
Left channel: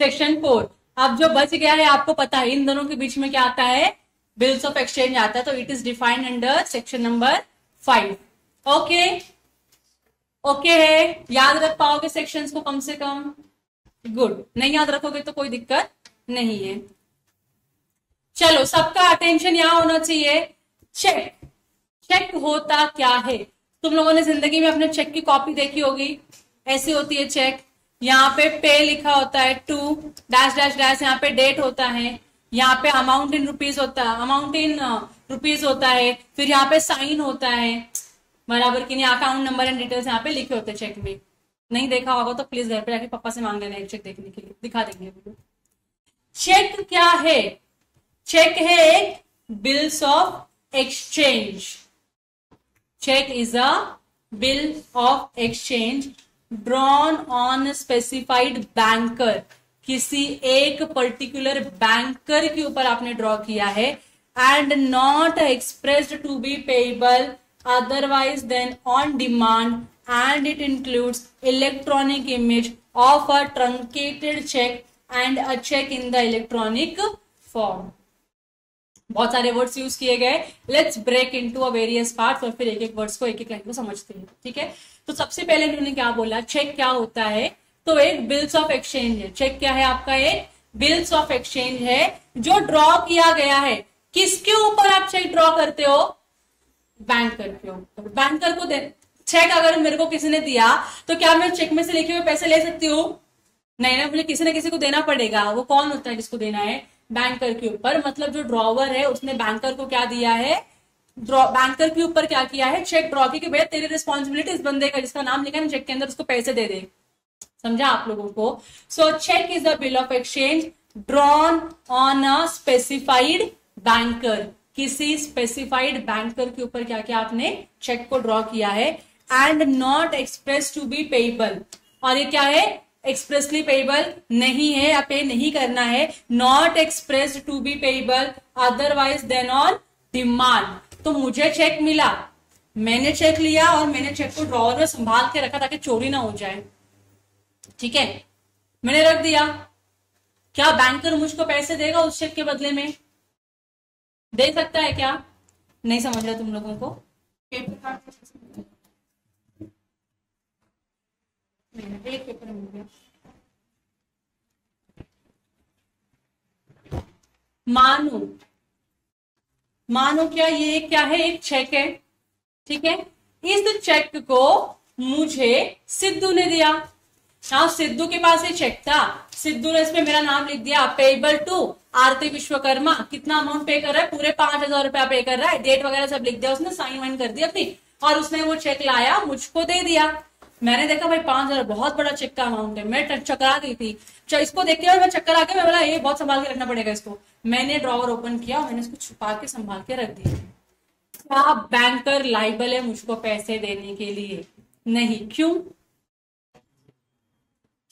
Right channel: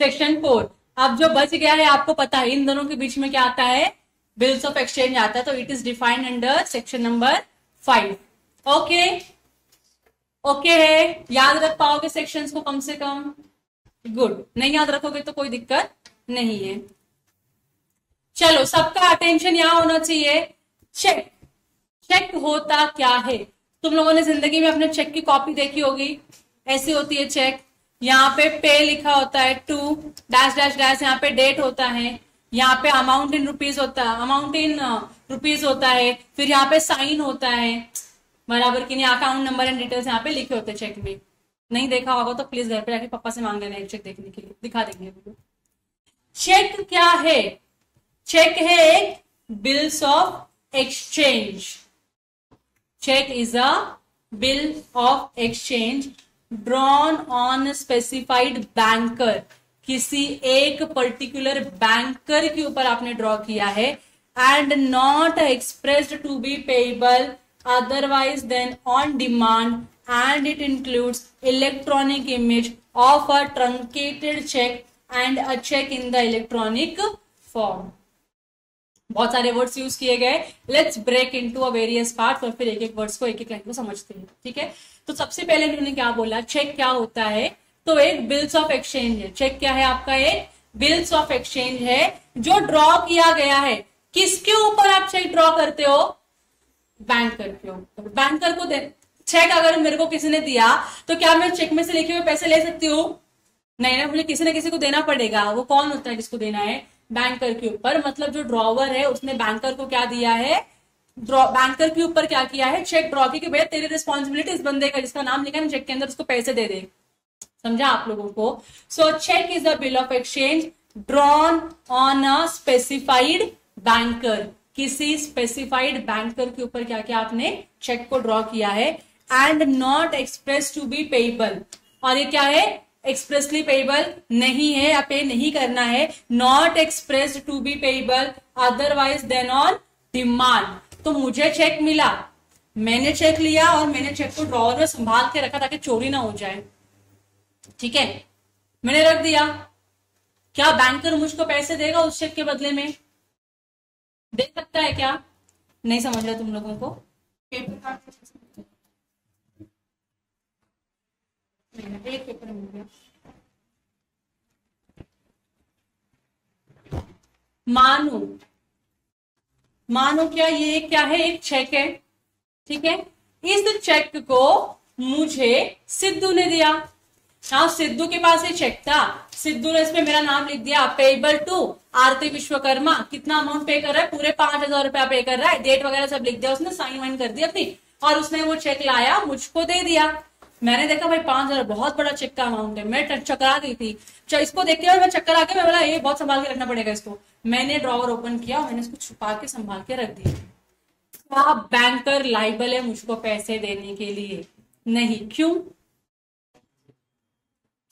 section 4। अब जो बच गया है आपको पता है इन दोनों के बीच में क्या आता है? बिल्स ऑफ एक्सचेंज आता है, तो it is defined under section number 5। Okay है, याद रख पाओगे सेक्शंस को कम से कम? गुड। नहीं याद रखोगे तो कोई दिक्कत नहीं है। चलो, सबका अटेंशन यहां होना चाहिए। चेक होता क्या है? तुम लोगों ने जिंदगी में अपने चेक की कॉपी देखी होगी, ऐसी होती है चेक। यहाँ पे लिखा होता है 2 डैश डैश डैश, यहाँ पे डेट होता है, यहाँ पे अमाउंट इन रुपीज होता है, फिर यहाँ पे साइन होता है, बराबर कि नहीं? अकाउंट नंबर एंड डिटेल्स यहाँ पे लिखे होते हैं चेक में। नहीं देखा होगा तो प्लीज घर पे आके पापा से मांग लेना एक चेक देखने के लिए, दिखा देंगे। चेक क्या है? चेक है एक bills of exchange. Cheque is a bill of exchange drawn on specified banker. किसी एक पर्टिकुलर बैंकर के ऊपर आपने ड्रॉ किया है, and not expressed to be payable otherwise than on demand, and it includes electronic image of a truncated cheque and a cheque in the electronic form. बहुत सारे words use किए गए। Let's break into a various parts, और फिर एक words को एक line को समझते हैं, ठीक है? तो सबसे पहले इन्होंने क्या बोला, चेक क्या होता है? तो एक बिल्स ऑफ एक्सचेंज है। चेक क्या है आपका? एक बिल्स ऑफ एक्सचेंज है जो ड्रॉ किया गया है। किसके ऊपर आप चेक ड्रॉ करते हो? बैंकर के ऊपर। बैंकर को चेक अगर मेरे को किसी ने दिया तो क्या मैं चेक में से लिखे हुए पैसे ले सकती हूँ? नहीं ना, मुझे किसी न किसी को देना पड़ेगा। वो कौन होता है जिसको देना है? बैंकर के ऊपर। मतलब जो ड्रॉवर है उसने बैंकर को क्या दिया है? बैंकर के ऊपर क्या किया है? चेक ड्रॉ की, भैया तेरी रिस्पॉन्सिबिलिटी इस बंदे का जिसका नाम लिखा है चेक के अंदर, उसको पैसे दे दे। समझा आप लोगों को? So cheque is the bill of exchange drawn on a specified banker. किसी स्पेसिफाइड बैंकर के ऊपर क्या किया आपने? चेक को ड्रॉ किया है, and not express to be payable. और ये क्या है? एक्सप्रेसली पेएबल नहीं है, या पे नहीं करना है। Not expressed to be payable otherwise than on demand. तो मुझे चेक मिला, मैंने चेक लिया और मैंने चेक को ड्रॉवर में संभाल के रखा ताकि चोरी ना हो जाए, ठीक है? मैंने रख दिया। क्या बैंकर मुझको पैसे देगा उस चेक के बदले में? दे सकता है क्या? नहीं समझ रहा तुम लोगों को? एक पेपर मिल गया। मानो क्या ये क्या है? एक चेक है, ठीक है? इस चेक को मुझे सिद्धू ने दिया। हाँ, सिद्धू के पास ये चेक था, सिद्धू ने इसमें मेरा नाम लिख दिया, पेएबल टू आरती विश्वकर्मा। कितना अमाउंट पे कर रहा है? पूरे 5,000 रुपया पे कर रहा है। डेट वगैरह सब लिख दिया उसने, साइन वाइन कर दिया अपनी, और उसने वो चेक लाया मुझको दे दिया। मैंने देखा भाई 5,000 बहुत बड़ा चेक का अमाउंट है, मैं चकरा गई थी। इसको देख के मैं चक्कर आके मैं बोला ये बहुत संभाल के रखना पड़ेगा इसको। मैंने ड्रॉवर ओपन किया और मैंने इसको छुपा के संभाल के रख दिया। क्या बैंकर लायबल है मुझको पैसे देने के लिए? नहीं। क्यों?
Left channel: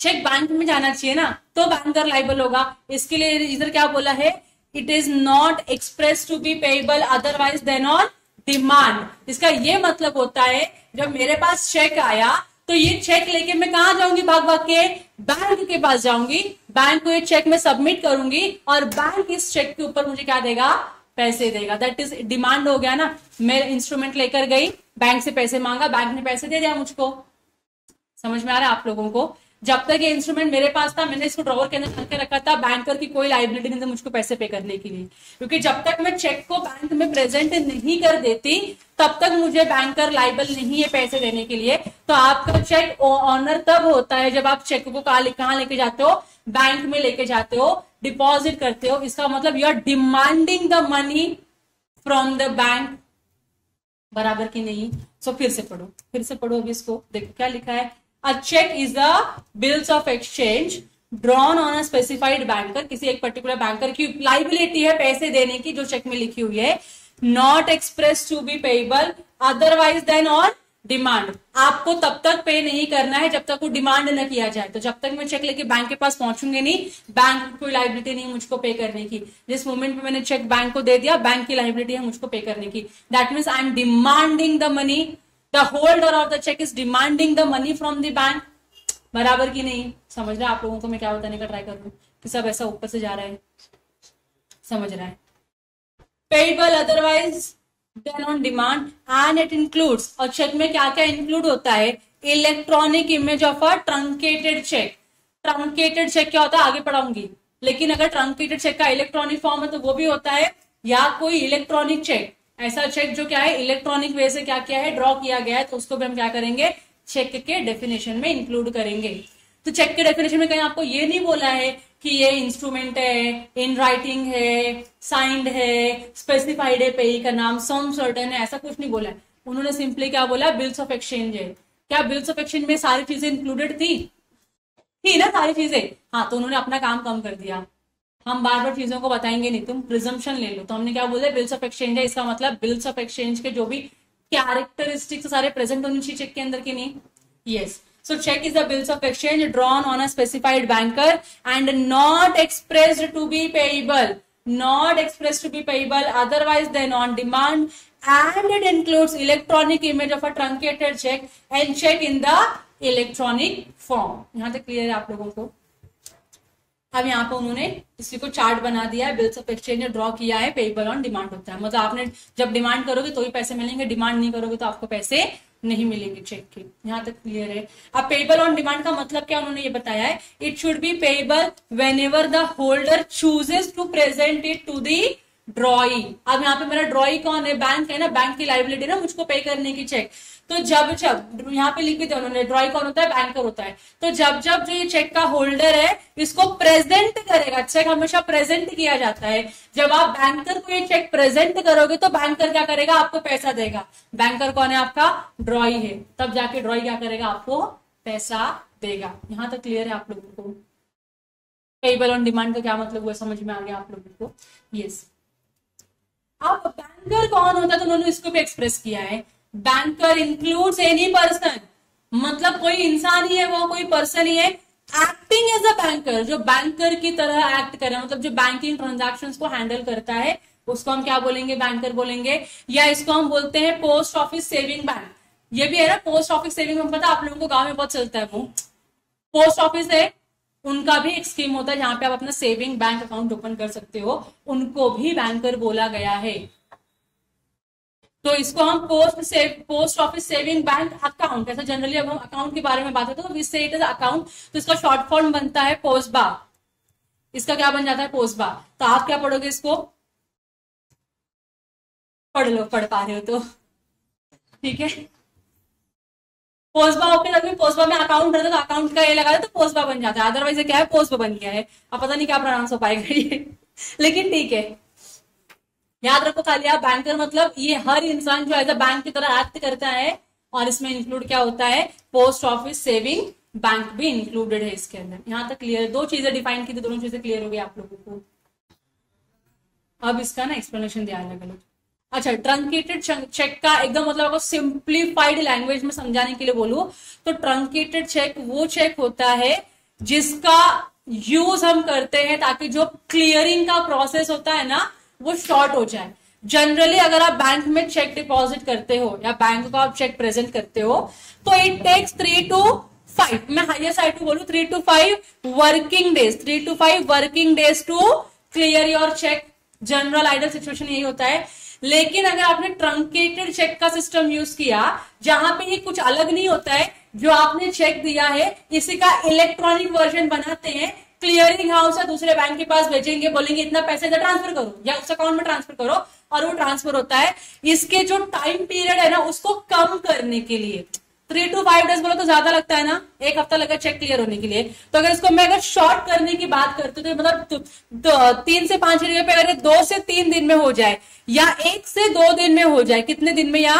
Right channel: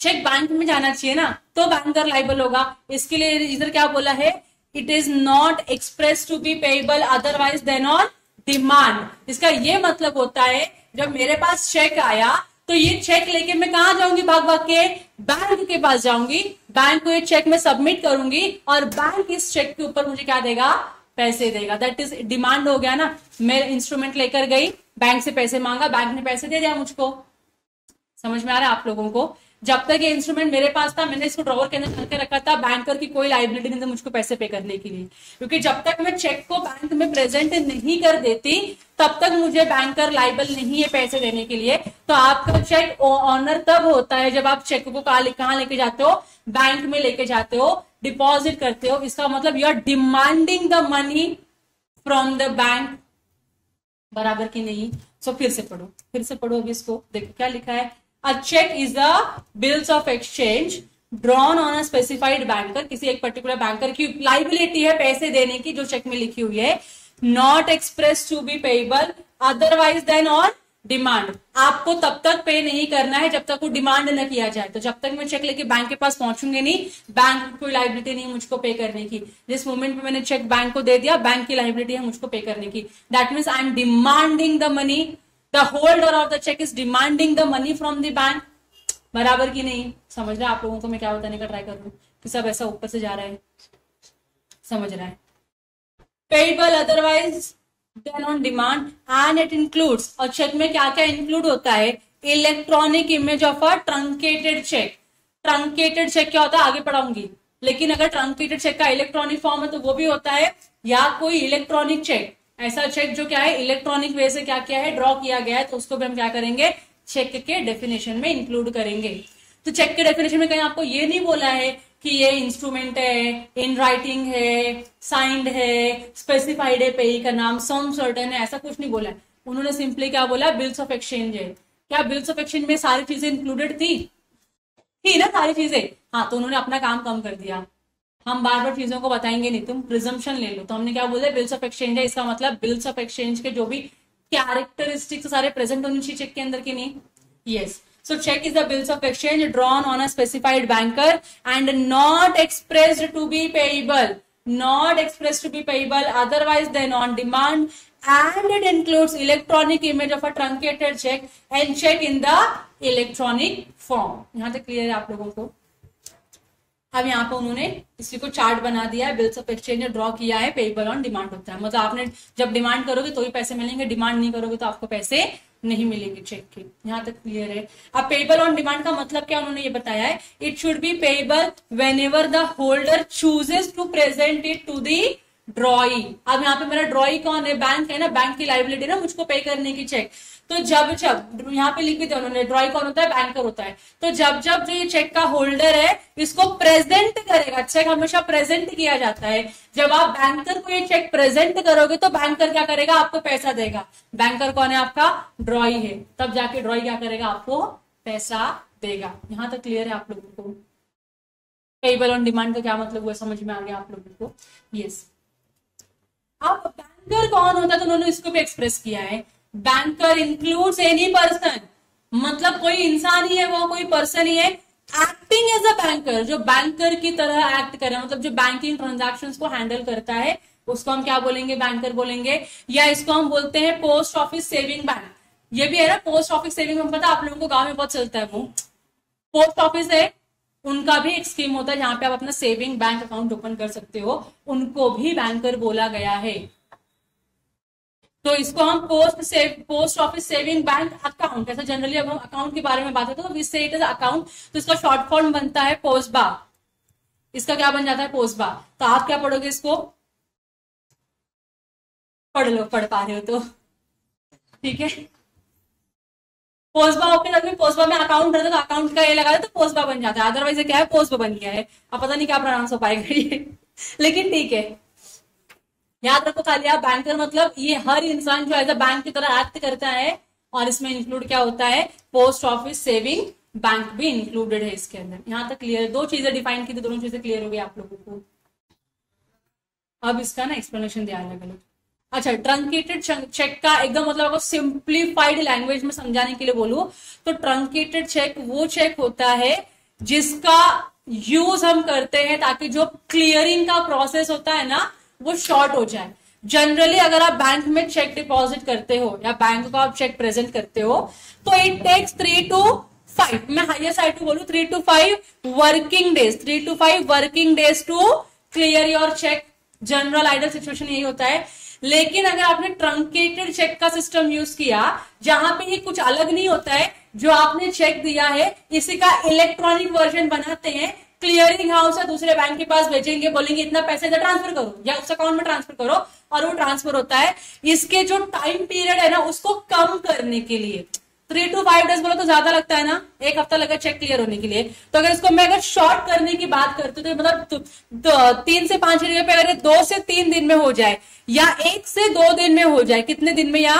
चेक बैंक में जाना चाहिए ना, तो बैंकर लायबल होगा। इसके लिए इधर क्या बोला है, it is not express to be payable otherwise than on demand. इसका ये मतलब होता है जब मेरे पास चेक आया तो ये चेक लेके मैं कहा जाऊंगी, भाग भाग के बैंक के पास जाऊंगी, बैंक को ये चेक में सबमिट करूंगी और बैंक इस चेक के ऊपर मुझे क्या देगा, पैसे देगा। दैट इज डिमांड हो गया ना। मैं इंस्ट्रूमेंट लेकर गई, बैंक से पैसे मांगा, बैंक ने पैसे दे दिया मुझको। समझ में आ रहा है आप लोगों को? जब तक ये इंस्ट्रूमेंट मेरे पास था, मैंने इसको ड्रॉवर के अंदर करके रखा था, बैंकर की कोई लायबिलिटी नहीं थी मुझको पैसे पे करने के लिए, क्योंकि जब तक मैं चेक को बैंक में प्रेजेंट नहीं कर देती तब तक मुझे बैंकर लायबल नहीं है पैसे देने के लिए। तो आपका चेक ऑनर तब होता है जब आप चेक को कहां लेके जाते हो, बैंक में लेके जाते हो, डिपॉजिट करते हो। इसका मतलब you are demanding the money from the bank, बराबर की नहीं? सो फिर से पढ़ो अभी इसको, देखो क्या लिखा है। A check is the bills of exchange drawn on a specified banker, किसी एक पर्टिकुलर बैंकर की लाइबिलिटी है पैसे देने की जो चेक में लिखी हुई है। Not expressed to be payable otherwise than on demand। आपको तब तक पे नहीं करना है जब तक वो डिमांड न किया जाए। तो जब तक मैं चेक लेके बैंक के पास पहुंचूंगी नहीं, बैंक की कोई लाइबिलिटी नहीं है मुझको पे करने की। जिस मोमेंट में मैंने चेक बैंक को दे दिया, बैंक की लाइबिलिटी है मुझको पे करने की। That means I am demanding the money, the holder of the check is demanding the money from the bank। बराबर की नहीं? समझ रहा है आप लोगों को मैं क्या बताने का ट्राई कर रहा हूँ कि सब ऐसा ऊपर से जा रहा है, समझ रहा है? Payable otherwise than on demand and it includes, और चेक में क्या क्या इंक्लूड होता है, electronic image of a truncated cheque. Truncated cheque क्या होता है आगे पढ़ाऊंगी, लेकिन अगर ट्रंकेटेड चेक का इलेक्ट्रॉनिक फॉर्म है तो वो भी होता है, या कोई इलेक्ट्रॉनिक चेक, ऐसा चेक जो क्या है इलेक्ट्रॉनिक वे से क्या किया है, ड्रॉ किया गया है, तो उसको भी हम क्या करेंगे, चेक के डेफिनेशन में इंक्लूड करेंगे। तो चेक के डेफिनेशन में कहीं आपको ये नहीं बोला है कि ये इंस्ट्रूमेंट है, इन राइटिंग है, साइंड है, स्पेसिफाइड है, पेई का नाम, सम सर्टेन है, ऐसा कुछ नहीं बोला है। उन्होंने सिंपली क्या बोला, बिल्स ऑफ एक्सचेंज है। क्या बिल्स ऑफ एक्सचेंज में सारी चीजें इंक्लूडेड थी ना सारी चीजें? हाँ, तो उन्होंने अपना काम कम कर दिया। हम बार बार चीजों को बताएंगे नहीं, तुम प्रिजम्पशन ले लो। तो हमने क्या बोला, बिल्स ऑफ एक्सचेंज है, इसका मतलब बिल्स ऑफ एक्सचेंज के जो भी कैरेक्टरिस्टिक्स सारे प्रेजेंट होने चाहिए चेक के अंदर की नहीं? Yes. So cheque is the bills of exchange drawn on a specified banker and not expressed to be payable, not expressed to be payable otherwise than on demand and it includes electronic image of a truncated cheque and cheque in the electronic form. यहां तक clear है आप लोगों को? अब यहाँ पे उन्होंने किसी को चार्ट बना दिया है, बिल्स ऑफ एक्सचेंज ड्रॉ किया है, पेएबल ऑन डिमांड होता है। मतलब आपने जब डिमांड करोगे तो ही पैसे मिलेंगे, डिमांड नहीं करोगे तो आपको पैसे नहीं मिलेंगे चेक के। यहाँ तक क्लियर है? अब पेएबल ऑन डिमांड का मतलब क्या उन्होंने ये बताया है, it should be payable whenever the holder chooses to present it to the drawee. अब यहाँ पे मेरा ड्रॉई कौन है, बैंक है ना, बैंक की लाइबिलिटी ना मुझको पे करने की चेक। तो जब जब यहाँ पे लिख दिया उन्होंने, ड्रॉई कौन होता है, बैंकर होता है। तो जब जब जो ये चेक का होल्डर है इसको प्रेजेंट करेगा, चेक हमेशा प्रेजेंट किया जाता है। जब आप बैंकर को ये चेक प्रेजेंट करोगे तो बैंकर क्या करेगा, आपको पैसा देगा। बैंकर कौन है आपका, ड्रॉई है, तब जाके ड्रॉई क्या करेगा, आपको पैसा देगा। यहाँ तक क्लियर है आप लोगों को? पेएबल ऑन डिमांड का क्या मतलब हुआ, समझ में आ गया आप लोगों को? यस। अब बैंकर कौन होता है तो उन्होंने इसको भी एक्सप्रेस किया है, बैंकर इंक्लूड्स एनी पर्सन, मतलब कोई इंसान ही है, वो कोई पर्सन ही है, एक्टिंग एज अ बैंकर, जो बैंकर की तरह एक्ट कर रहा है, मतलब जो बैंकिंग ट्रांजैक्शंस को हैंडल करता है, उसको हम क्या बोलेंगे, बैंकर बोलेंगे। या इसको हम बोलते हैं पोस्ट ऑफिस सेविंग बैंक। ये भी है ना, पोस्ट ऑफिस सेविंग बैंक, पता आप लोगों को गांव में बहुत चलता है। वो पोस्ट ऑफिस है, उनका भी एक स्कीम होता है जहां पे आप अपना सेविंग बैंक अकाउंट ओपन कर सकते हो, उनको भी बैंकर बोला गया है। तो इसको हम post office saving bank account, ऐसा जनरली अब हम अकाउंट के बारे में बात करते हैं तो विच से इट इज अकाउंट, तो इसका शॉर्ट फॉर्म बनता है पोस्बा। इसका क्या बन जाता है, पोस्बा। तो आप क्या पढ़ोगे, इसको पढ़ लो, पढ़ पा रहे हो तो ठीक है। पोस्बा ओके लगे, पोस्बा में अकाउंट रहता है तो अकाउंट का ये लगा तो पोस्बा बन जाता है, अदरवाइज क्या है, पोस्बा बन गया है। अब पता नहीं क्या प्रोनाउंस हो पाएगा ये लेकिन ठीक है, याद रखो खाली आप, बैंकर मतलब ये हर इंसान जो एज अ बैंक की तरह एक्ट करता है, और इसमें इंक्लूड क्या होता है, पोस्ट ऑफिस सेविंग बैंक भी इंक्लूडेड है इसके अंदर। यहां तक क्लियर है? दो चीजें डिफाइन की थी, दोनों चीजें क्लियर हो गई आप लोगों को। अब इसका ना एक्सप्लेनेशन दिया अलग अलग। अच्छा, ट्रंकेटेड चेक का एकदम मतलब आपको सिंप्लीफाइड लैंग्वेज में समझाने के लिए बोलूं तो ट्रंकेटेड चेक वो चेक होता है जिसका यूज हम करते हैं ताकि जो क्लियरिंग का प्रोसेस होता है ना वो शॉर्ट हो जाए। जनरली अगर आप बैंक में चेक डिपॉजिट करते हो या बैंक को आप चेक प्रेजेंट करते हो तो इट टेक्स 3 to 5, मैं हाईएस्ट साइड पे बोलूं 3 to 5 working days, 3 to 5 working days to clear your cheque. General ideal situation यही होता है। लेकिन अगर आपने ट्रंकेटेड चेक का सिस्टम यूज किया जहां पे ये कुछ अलग नहीं होता है, जो आपने चेक दिया है इसी का इलेक्ट्रॉनिक वर्जन बनाते हैं, क्लियरिंग हाउस या दूसरे बैंक के पास भेजेंगे, बोलेंगे इतना पैसे इधर ट्रांसफर करो या उस अकाउंट में ट्रांसफर करो और वो ट्रांसफर होता है। इसके जो टाइम पीरियड है ना उसको कम करने के लिए 3 to 5 डेज बोलो तो ज्यादा लगता है ना, एक हफ्ता लगा चेक क्लियर होने के लिए। तो अगर इसको मैं अगर शॉर्ट करने की बात करती हूँ तो मतलब 3 से 5 दिन पे अगर 2 से 3 दिन में हो जाए या 1 से 2 दिन में हो जाए, कितने दिन में, या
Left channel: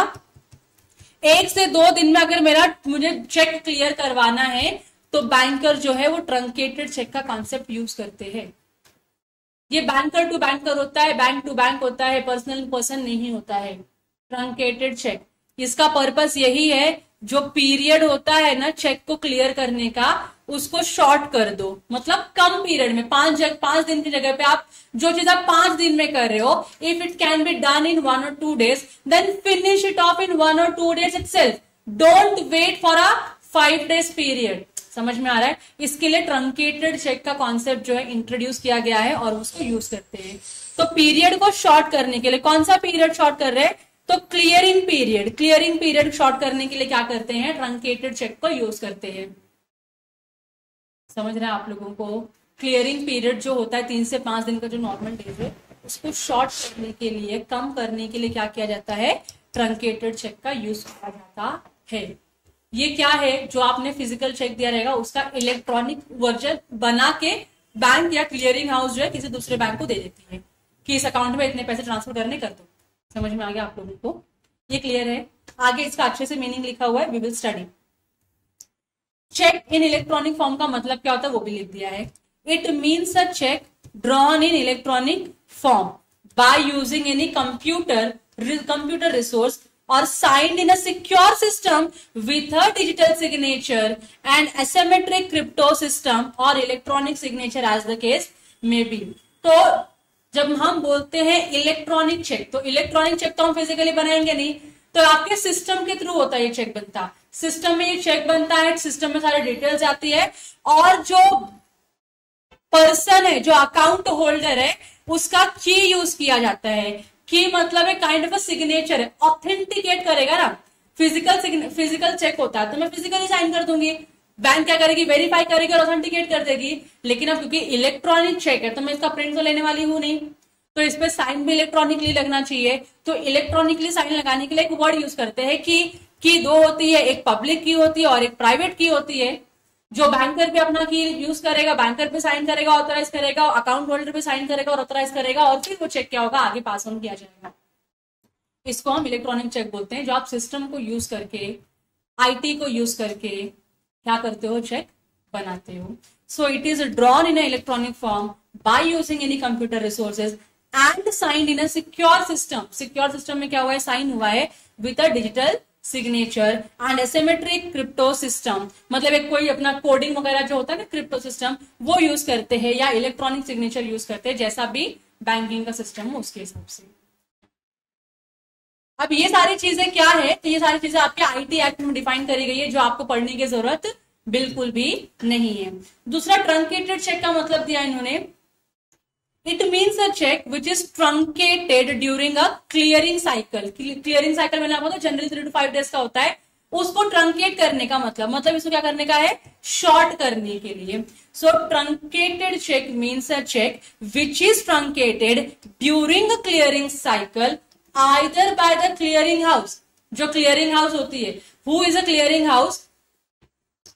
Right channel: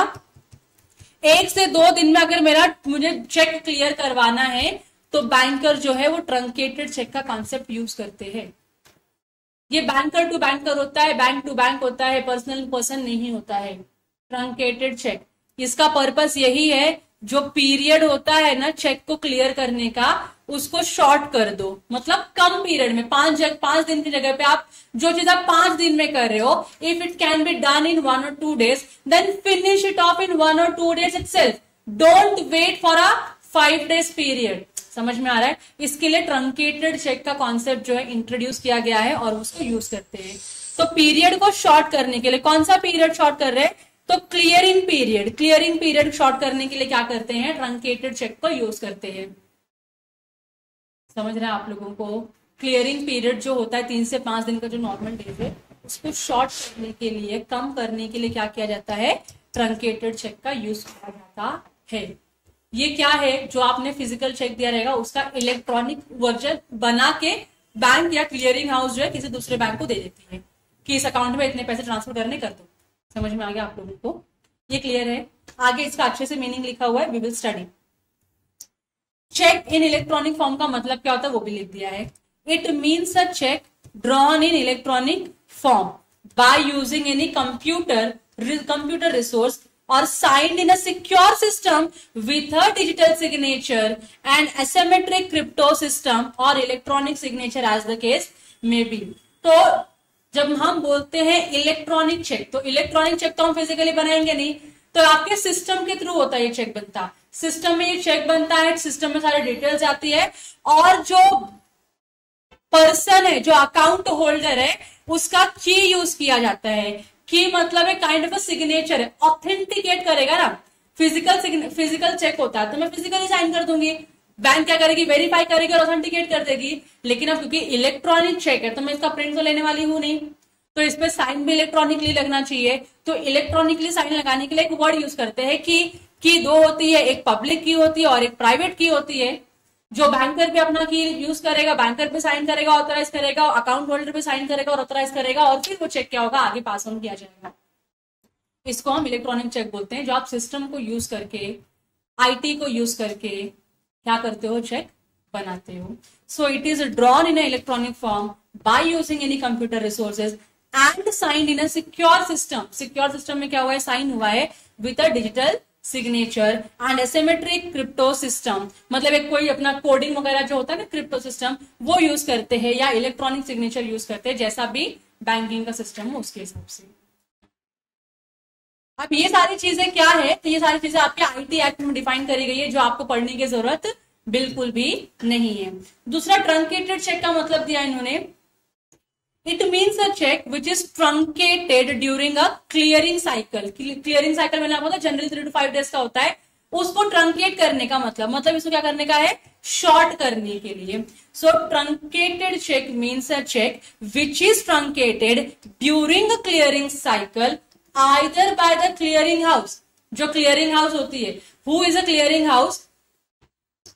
1 से 2 दिन में अगर मुझे चेक क्लियर करवाना है तो बैंकर जो है वो ट्रंकेटेड चेक का कॉन्सेप्ट यूज करते हैं। ये बैंकर टू बैंकर होता है, बैंक टू बैंक होता है, पर्सनल टू पर्सन नहीं होता है ट्रंकेटेड चेक। इसका पर्पस यही है जो पीरियड होता है ना चेक को क्लियर करने का उसको शॉर्ट कर दो, मतलब कम पीरियड में 5 दिन की जगह पे आप जो चीज आप 5 दिन में कर रहे हो, if it can be done in 1 or 2 days then finish it off in 1 or 2 days itself. Don't wait for a 5 days period. समझ में आ रहा है? इसके लिए ट्रंकेटेड चेक का कॉन्सेप्ट जो है इंट्रोड्यूस किया गया है और उसको यूज करते हैं। तो पीरियड को शॉर्ट करने के लिए कौन सा पीरियड शॉर्ट कर रहे हैं, तो क्लियरिंग पीरियड शॉर्ट करने के लिए क्या करते हैं, ट्रंकेटेड चेक को यूज करते हैं। समझ रहे हैं आप लोगों को? क्लियरिंग पीरियड जो होता है 3 से 5 दिन का जो नॉर्मल डेज है उसको शॉर्ट करने के लिए, कम करने के लिए क्या किया जाता है, ट्रंकेटेड चेक का यूज किया जाता है। ये क्या है, जो आपने फिजिकल चेक दिया रहेगा उसका इलेक्ट्रॉनिक वर्जन बना के बैंक या क्लियरिंग हाउस जो है किसी दूसरे बैंक को दे देती है कि इस अकाउंट में इतने पैसे ट्रांसफर करने कर दो। समझ में आ गया आप लोगों को? ये क्लियर है? आगे इसका अच्छे से मीनिंग लिखा हुआ है, we will study. Cheque in electronic form का मतलब क्या होता है वो भी लिख दिया है। It means a check drawn in electronic form by using any computer resource or signed in a secure system with a digital signature and asymmetric crypto system or electronic signature as the case may be। तो जब हम बोलते हैं electronic check, तो electronic check तो हम physically बनाएंगे नहीं, तो आपके सिस्टम के थ्रू होता है ये चेक बनता है। सिस्टम में ये चेक बनता है, सिस्टम में सारी डिटेल्स आती है और जो पर्सन है, जो अकाउंट होल्डर है, उसका की यूज किया जाता है। की मतलब है काइंड ऑफ सिग्नेचर है, ऑथेंटिकेट करेगा ना। फिजिकल चेक होता है तो मैं फिजिकली साइन कर दूंगी, बैंक क्या करेगी, वेरीफाई करेगी और ऑथेंटिकेट कर देगी। लेकिन अब क्योंकि इलेक्ट्रॉनिक चेक है तो मैं इसका प्रिंट तो लेने वाली हूं नहीं, तो इस पे साइन भी इलेक्ट्रॉनिकली लगना चाहिए। तो इलेक्ट्रॉनिकली साइन लगाने के लिए एक वर्ड यूज करते हैं की 2 होती है, एक पब्लिक की होती है और एक प्राइवेट की होती है। जो बैंकर पे अपना की यूज करेगा, बैंकर पे साइन करेगा, ऑथराइज करेगा, अकाउंट होल्डर पे साइन करेगा और ऑथराइज करेगा और फिर वो चेक क्या होगा, आगे पास ऑन किया जाएगा। इसको हम इलेक्ट्रॉनिक चेक बोलते हैं, जो आप सिस्टम को यूज करके, आईटी को यूज करके क्या करते हो, चेक बनाते हो। So it is drawn in electronic form by using any computer resources and signed in a secure system. Secure system में क्या हुआ है, साइन हुआ है with a digital signature and asymmetric crypto system, मतलब एक कोई अपना कोडिंग वगैरह जो होता है ना क्रिप्टो सिस्टम, वो यूज करते हैं या इलेक्ट्रॉनिक सिग्नेचर यूज करते हैं, जैसा भी बैंकिंग का सिस्टम है उसके हिसाब से। अब ये सारी चीजें क्या है, तो ये सारी चीजें आपके आईटी एक्ट में डिफाइन करी गई है, जो आपको पढ़ने की जरूरत बिल्कुल भी नहीं है। दूसरा ट्रंकेटेड चेक का मतलब दिया इन्होंने, it means a cheque which is truncated during a clearing cycle. Clearing cycle मैंने आपको जनरली 3 to 5 डेज का होता है, उसको ट्रंकेट करने का मतलब इसको क्या करने का है, शॉर्ट करने के लिए। So truncated cheque means a cheque which is truncated during a clearing cycle either by the clearing house. जो क्लियरिंग हाउस होती है, who is a clearing house,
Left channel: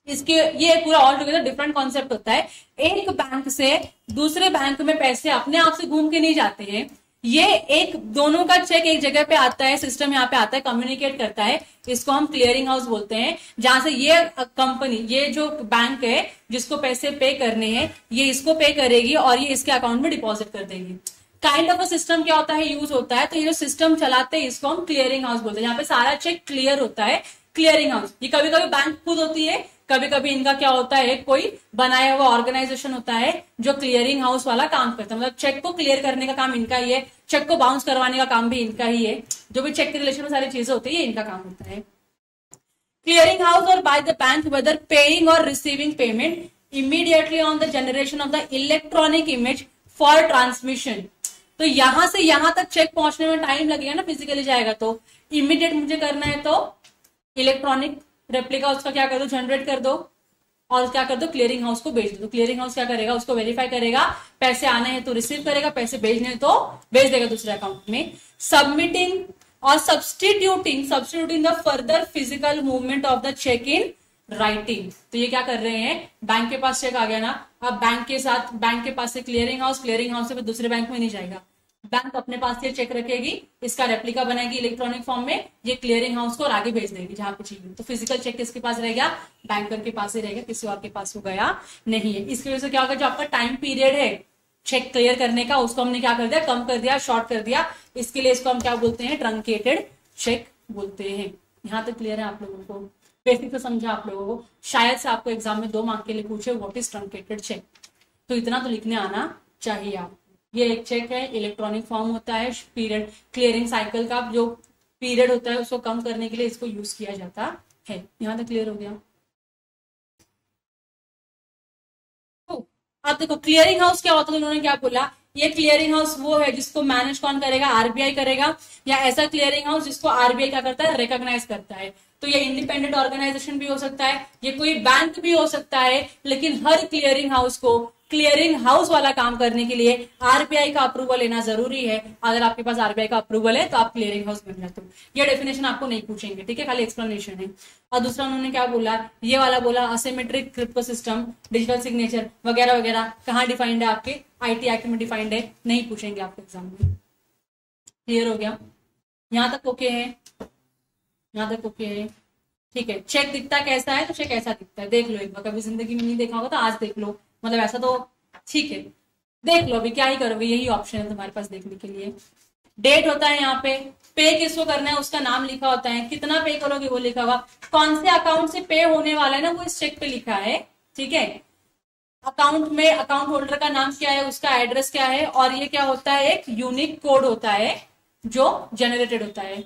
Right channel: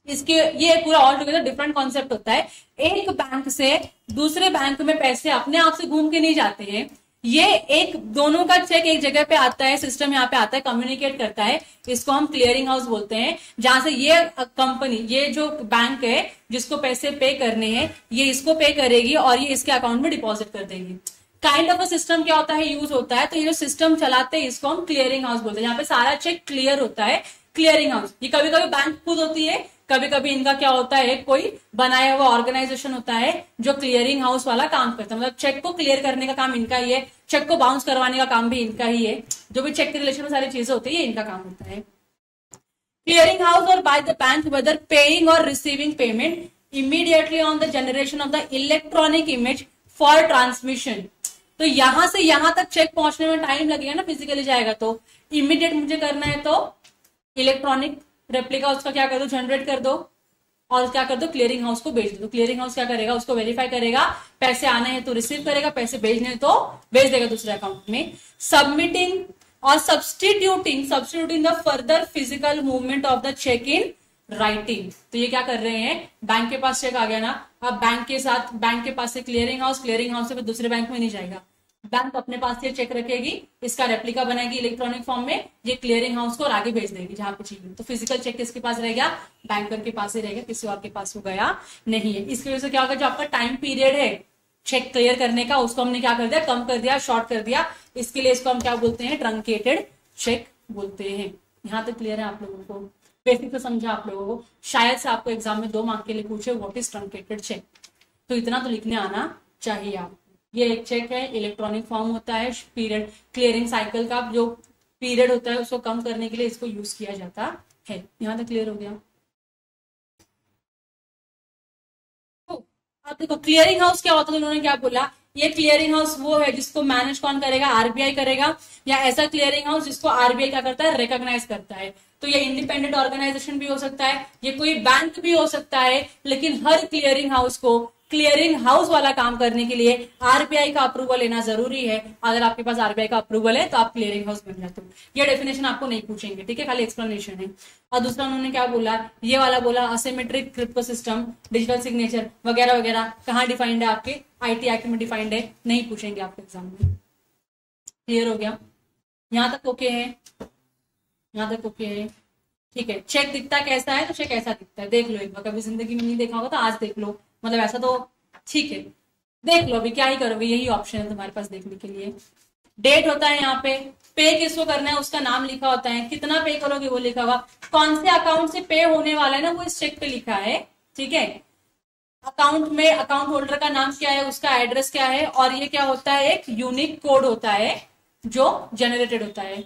इसके ये पूरा ऑल टुगेदर डिफरेंट कॉन्सेप्ट होता है। एक बैंक से दूसरे बैंक में पैसे अपने आप से घूम के नहीं जाते हैं, ये एक दोनों का चेक एक जगह पे आता है, सिस्टम यहाँ पे आता है, कम्युनिकेट करता है, इसको हम क्लियरिंग हाउस बोलते हैं। जहां से ये कंपनी, ये जो बैंक है जिसको पैसे पे करने हैं, ये इसको पे करेगी और ये इसके अकाउंट में डिपॉजिट कर देगी। काइंड ऑफ अ सिस्टम क्या होता है, यूज होता है। तो ये जो सिस्टम चलाते हैं इसको हम क्लियरिंग हाउस बोलते हैं। यहाँ पे सारा चेक क्लियर होता है, क्लियरिंग हाउस। ये कभी कभी बैंक खुद होती है, कभी कभी इनका क्या होता है, कोई बनाया हुआ ऑर्गेनाइजेशन होता है जो क्लियरिंग हाउस वाला काम करता है। मतलब चेक को क्लियर करने का काम इनका ही है, चेक को बाउंस करवाने का काम भी इनका ही है। जो भी चेक के रिलेशन में सारी चीजें होती है इनका काम होता है। क्लियरिंग हाउस और by the bank whether paying और receiving payment immediately on the generation of the electronic image for transmission. तो यहां से यहां तक चेक पहुंचने में टाइम लगेगा ना, फिजिकली जाएगा तो इमीडिएट मुझे करना है तो इलेक्ट्रॉनिक रेप्लिका उसका क्या कर दो, जनरेट कर दो और क्या कर दो, क्लियरिंग हाउस को भेज दो। क्लियरिंग हाउस क्या करेगा, उसको वेरीफाई करेगा, पैसे आने हैं तो रिसीव करेगा, पैसे भेजने तो भेज देगा दूसरे अकाउंट में। सबमिटिंग और substituting the further physical movement of the cheque in writing. तो ये क्या कर रहे हैं, बैंक के पास चेक आ गया ना, अब बैंक के पास से क्लियरिंग हाउस से दूसरे बैंक में नहीं जाएगा, बैंक अपने पास ये चेक रखेगी, इसका रेप्लिका बनाएगी इलेक्ट्रॉनिक फॉर्म में, ये क्लियरिंग हाउस को और आगे भेज देगी जहां पे चाहिए। तो फिजिकल चेक किसके पास रह गया, बैंकर के पास ही रहेगा, किसी और के पास वो गया नहीं है। इसकी वजह से क्या होगा, जो आपका टाइम पीरियड है चेक क्लियर करने का, उसको हमने क्या कर दिया, कम कर दिया, शॉर्ट कर दिया। इसके लिए इसको हम क्या बोलते हैं, ट्रंकेटेड चेक बोलते हैं। यहां तक क्लियर है आप लोगों को, बेसिक से समझा आप लोगों को। शायद से आपको एग्जाम में 2 मार्क के लिए पूछे व्हाट इज ट्रंकेटेड चेक, तो इतना तो लिखने आना चाहिए आप। ये एक चेक है, इलेक्ट्रॉनिक फॉर्म होता है, पीरियड क्लियरिंग साइकिल का जो पीरियड होता है उसको कम करने के लिए इसको यूज किया जाता है। यहां तक क्लियर हो गया। तो अब देखो क्लियरिंग हाउस क्या होता है, उन्होंने क्या बोला, ये क्लियरिंग हाउस वो है जिसको मैनेज कौन करेगा, आरबीआई करेगा, या ऐसा क्लियरिंग हाउस जिसको आरबीआई क्या करता है, रिकॉग्नाइज करता है। तो ये इंडिपेंडेंट ऑर्गेनाइजेशन भी हो सकता है, ये कोई बैंक भी हो सकता है, लेकिन हर क्लियरिंग हाउस को क्लियरिंग हाउस वाला काम करने के लिए आरबीआई का अप्रूवल लेना जरूरी है। अगर आपके पास आरबीआई का अप्रूवल है तो आप क्लियरिंग हाउस बन जाते हो। ये डेफिनेशन आपको नहीं पूछेंगे, ठीक है, खाली एक्सप्लेनेशन है। और दूसरा उन्होंने क्या बोला, ये वाला बोला asymmetric crypto system, digital signature वगैरह वगैरह कहाँ डिफाइंड है, आपके आईटी एक्ट में डिफाइंड है, नहीं पूछेंगे आपके एग्जाम में। क्लियर हो गया, यहां तक ओके है, यहां तक ओके है, ठीक है। चेक दिखता कैसा है, तो चेक ऐसा दिखता है, देख लो एक बार, कभी जिंदगी में नहीं देखा होगा तो आज देख लो, मतलब ऐसा तो ठीक है, देख लो, अभी क्या ही करोगे, यही ऑप्शन है तुम्हारे पास देखने के लिए। डेट होता है यहाँ पे, पे किसको करना है उसका नाम लिखा होता है, कितना पे करोगे वो लिखा होगा, कौन से अकाउंट से पे होने वाला है ना वो इस चेक पे लिखा है, ठीक है। अकाउंट में अकाउंट होल्डर का नाम क्या है, उसका एड्रेस क्या है, और ये क्या होता है, एक यूनिक कोड होता है जो जनरेटेड होता है।